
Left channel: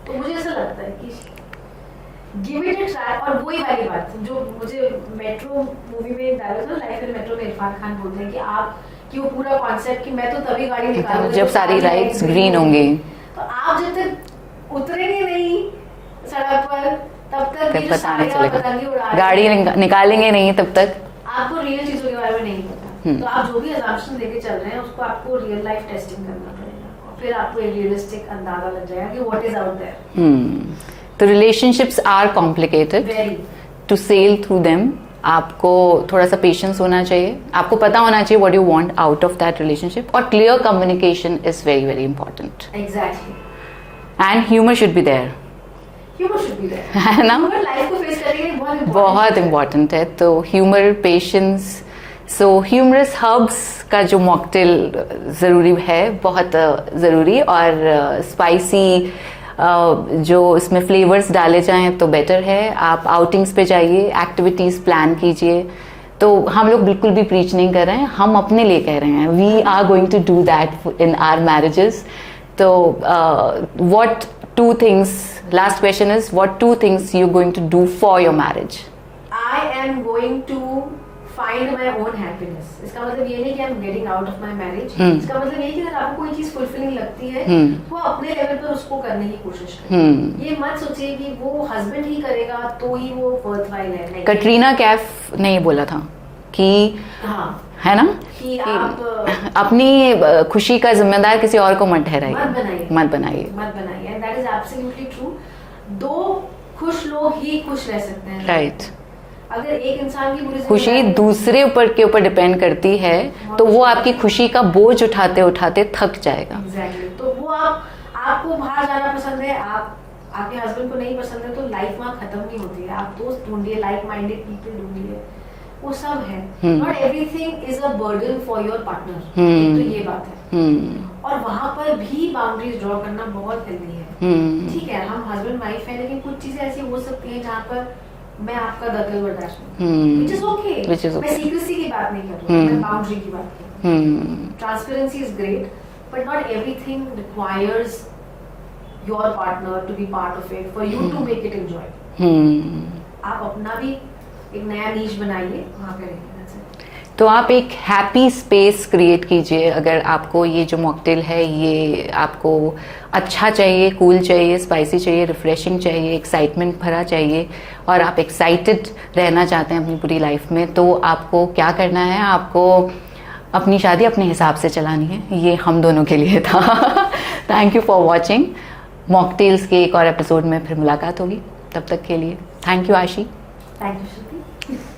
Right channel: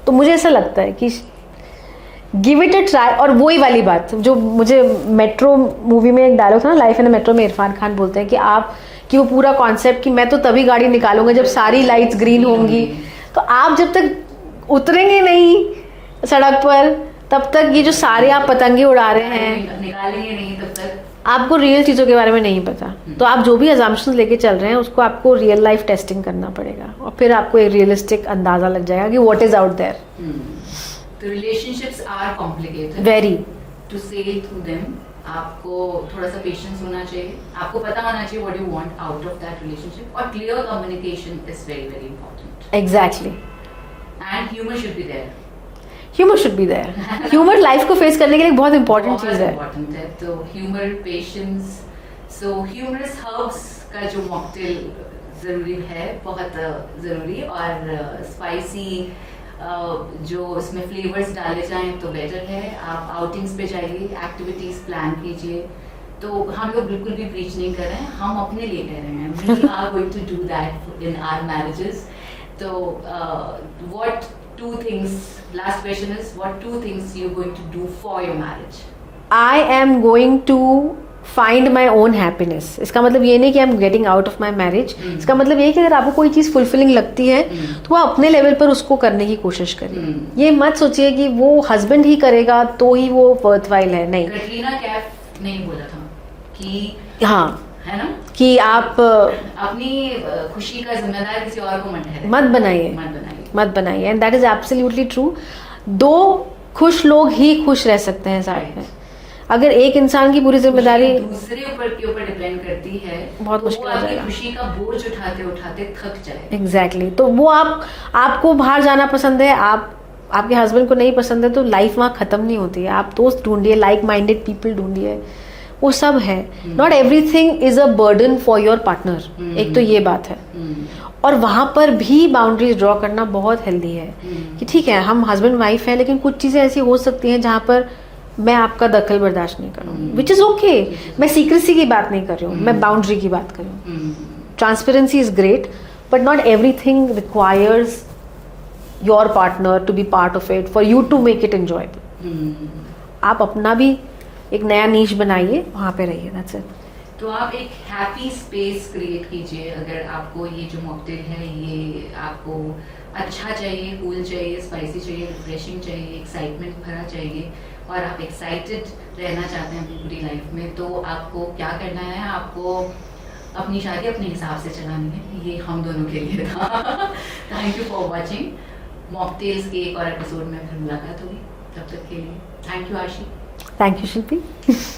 तो मुझे ऐसा लगता है कि गिव इट अ ट्राई। और वही वाली बात जो मुझे मेट्रो मूवी में एक डायलॉग था ना, लाइफ इन मेट्रो में इरफान खान बोलते हैं कि वो पूरा कॉन्सेप्ट कि मैं तो तभी गाड़ी निकालूंगा जब सारी लाइट्स ग्रीन होंगी। तो आप जब तक उतरेंगे नहीं सड़क पर तब तक ये जो सारे आप पतंगे उड़ा रहे हैं, गाड़ी निकालेंगे नहीं तब तक आपको रियल चीजों के बारे में नहीं पता। तो आप जो भी अजम्पशंस लेके चल रहे हैं उसको आपको रियल लाइफ टेस्टिंग करना पड़ेगा, और फिर आपको एक रियलिस्टिक अंदाजा लग जाएगा कि व्हाट इज आउट देयर। तो relationships are complicated, very, to sail through them आपको थोड़ा सा पेशेंस होना चाहिए, आपको पता होना चाहिए what you want out of that relationship, और clear communication is very very important. Exactly, and humour should be there. Humour should be there, humour life को फेस करने के लिए बहुत इंपॉर्टेंट है। तो humour, patience, so humour's herbs का जो मॉकटेल जरूरी है, बहुत जरूरी, और स्पाइसी जो इसमें फ्लेवर्स डाले जाएं तो बेटर है। आप आउटिंग्स पे जाइए, एक्टिविटीज प्लान कीजिए। तो हम लोग बिल्कुल भी प्रीच नहीं कर रहे हैं, हम अपने लिए कह रहे हैं। We are going to do that in our marriages. तो what two things, last question is, what two things you going to do for your marriage? I am going to find my own happiness. इसका मतलब ये नहीं कि I am getting out of my marriage. इसका मतलब ये कि अगर आपको कोई चीज फुलफिलिंग लगती है तो वो अपने लेवल पर उसको करने की कोशिश करें। ये मत सोचिए कि वो हस्बैंड ही करेगा तो ही वो वर्थवाइल है। नहीं, कटरीना कैफ ने ये बोला था कि हाँ, है ना, कि आप अपनी खुशी का जिम्मेदार किसी और को मत ठहराइए, मत बनाइए। And that is absolutely true. दो खुश लोग ही खुश रह सकते हैं, राइट। अगर एक इंसान की पूरी जिम्मेदारी दूसरे के ऊपर डिपेंड करती है तो वो आपकी खुशी का बोझ उठाते उठाते थक जाएगा। एग्जैक्टली। तो वो आपको बाहर जाना पसंद है, आपके हस्बैंड को नहीं पसंद है, तो लाइफ वहाँ खत्म नहीं होती है। आप दोस्त ढूंढिए, लाइक माइंडेड पीपल ढूंढिए, वो सब है। Not everything is a burden for your partner. एक तो ये बात है। और वहां पर भी बाउंड्रीज ड्रॉ करना बहुत हेल्दी है कि ठीक है हम हस्बैंड वाइफ है, लेकिन कुछ चीजें ऐसी हो सकती हैं जहां पर मैं आपका दखल बर्दाश्त नहीं करूँ, विच इज ओके। मैं सीक्रेसी की बात नहीं कर रही हूँ, मैं बाउंड्री की बात कर रही हूँ। Transparency is great, but not everything requires your partner to be part of it for you to make it enjoyable. आप अपना भी एक नया नीश बनाइए, वहां पे रहिए, दैट्स इट। तो आप एक हैप्पी स्पेस क्रिएट कीजिए। अगर आपको ये जो मॉकटेल है ये आपको अच्छा चाहिए, कूल चाहिए, स्पाइसी चाहिए, रिफ्रेशिंग चाहिए, एक्साइटमेंट भरा चाहिए और आप एक्साइटेड रहना चाहते हैं अपनी पूरी लाइफ में, तो आपको क्या करना है? आपको अपनी शादी अपने हिसाब से चलानी है। ये हम दोनों के लिए था। Thank you for watching. Mocktails के एक और एपिसोड में फिर मुलाकात होगी। तब तक के लिए थैंक यू आशी। Thank you Shilpi.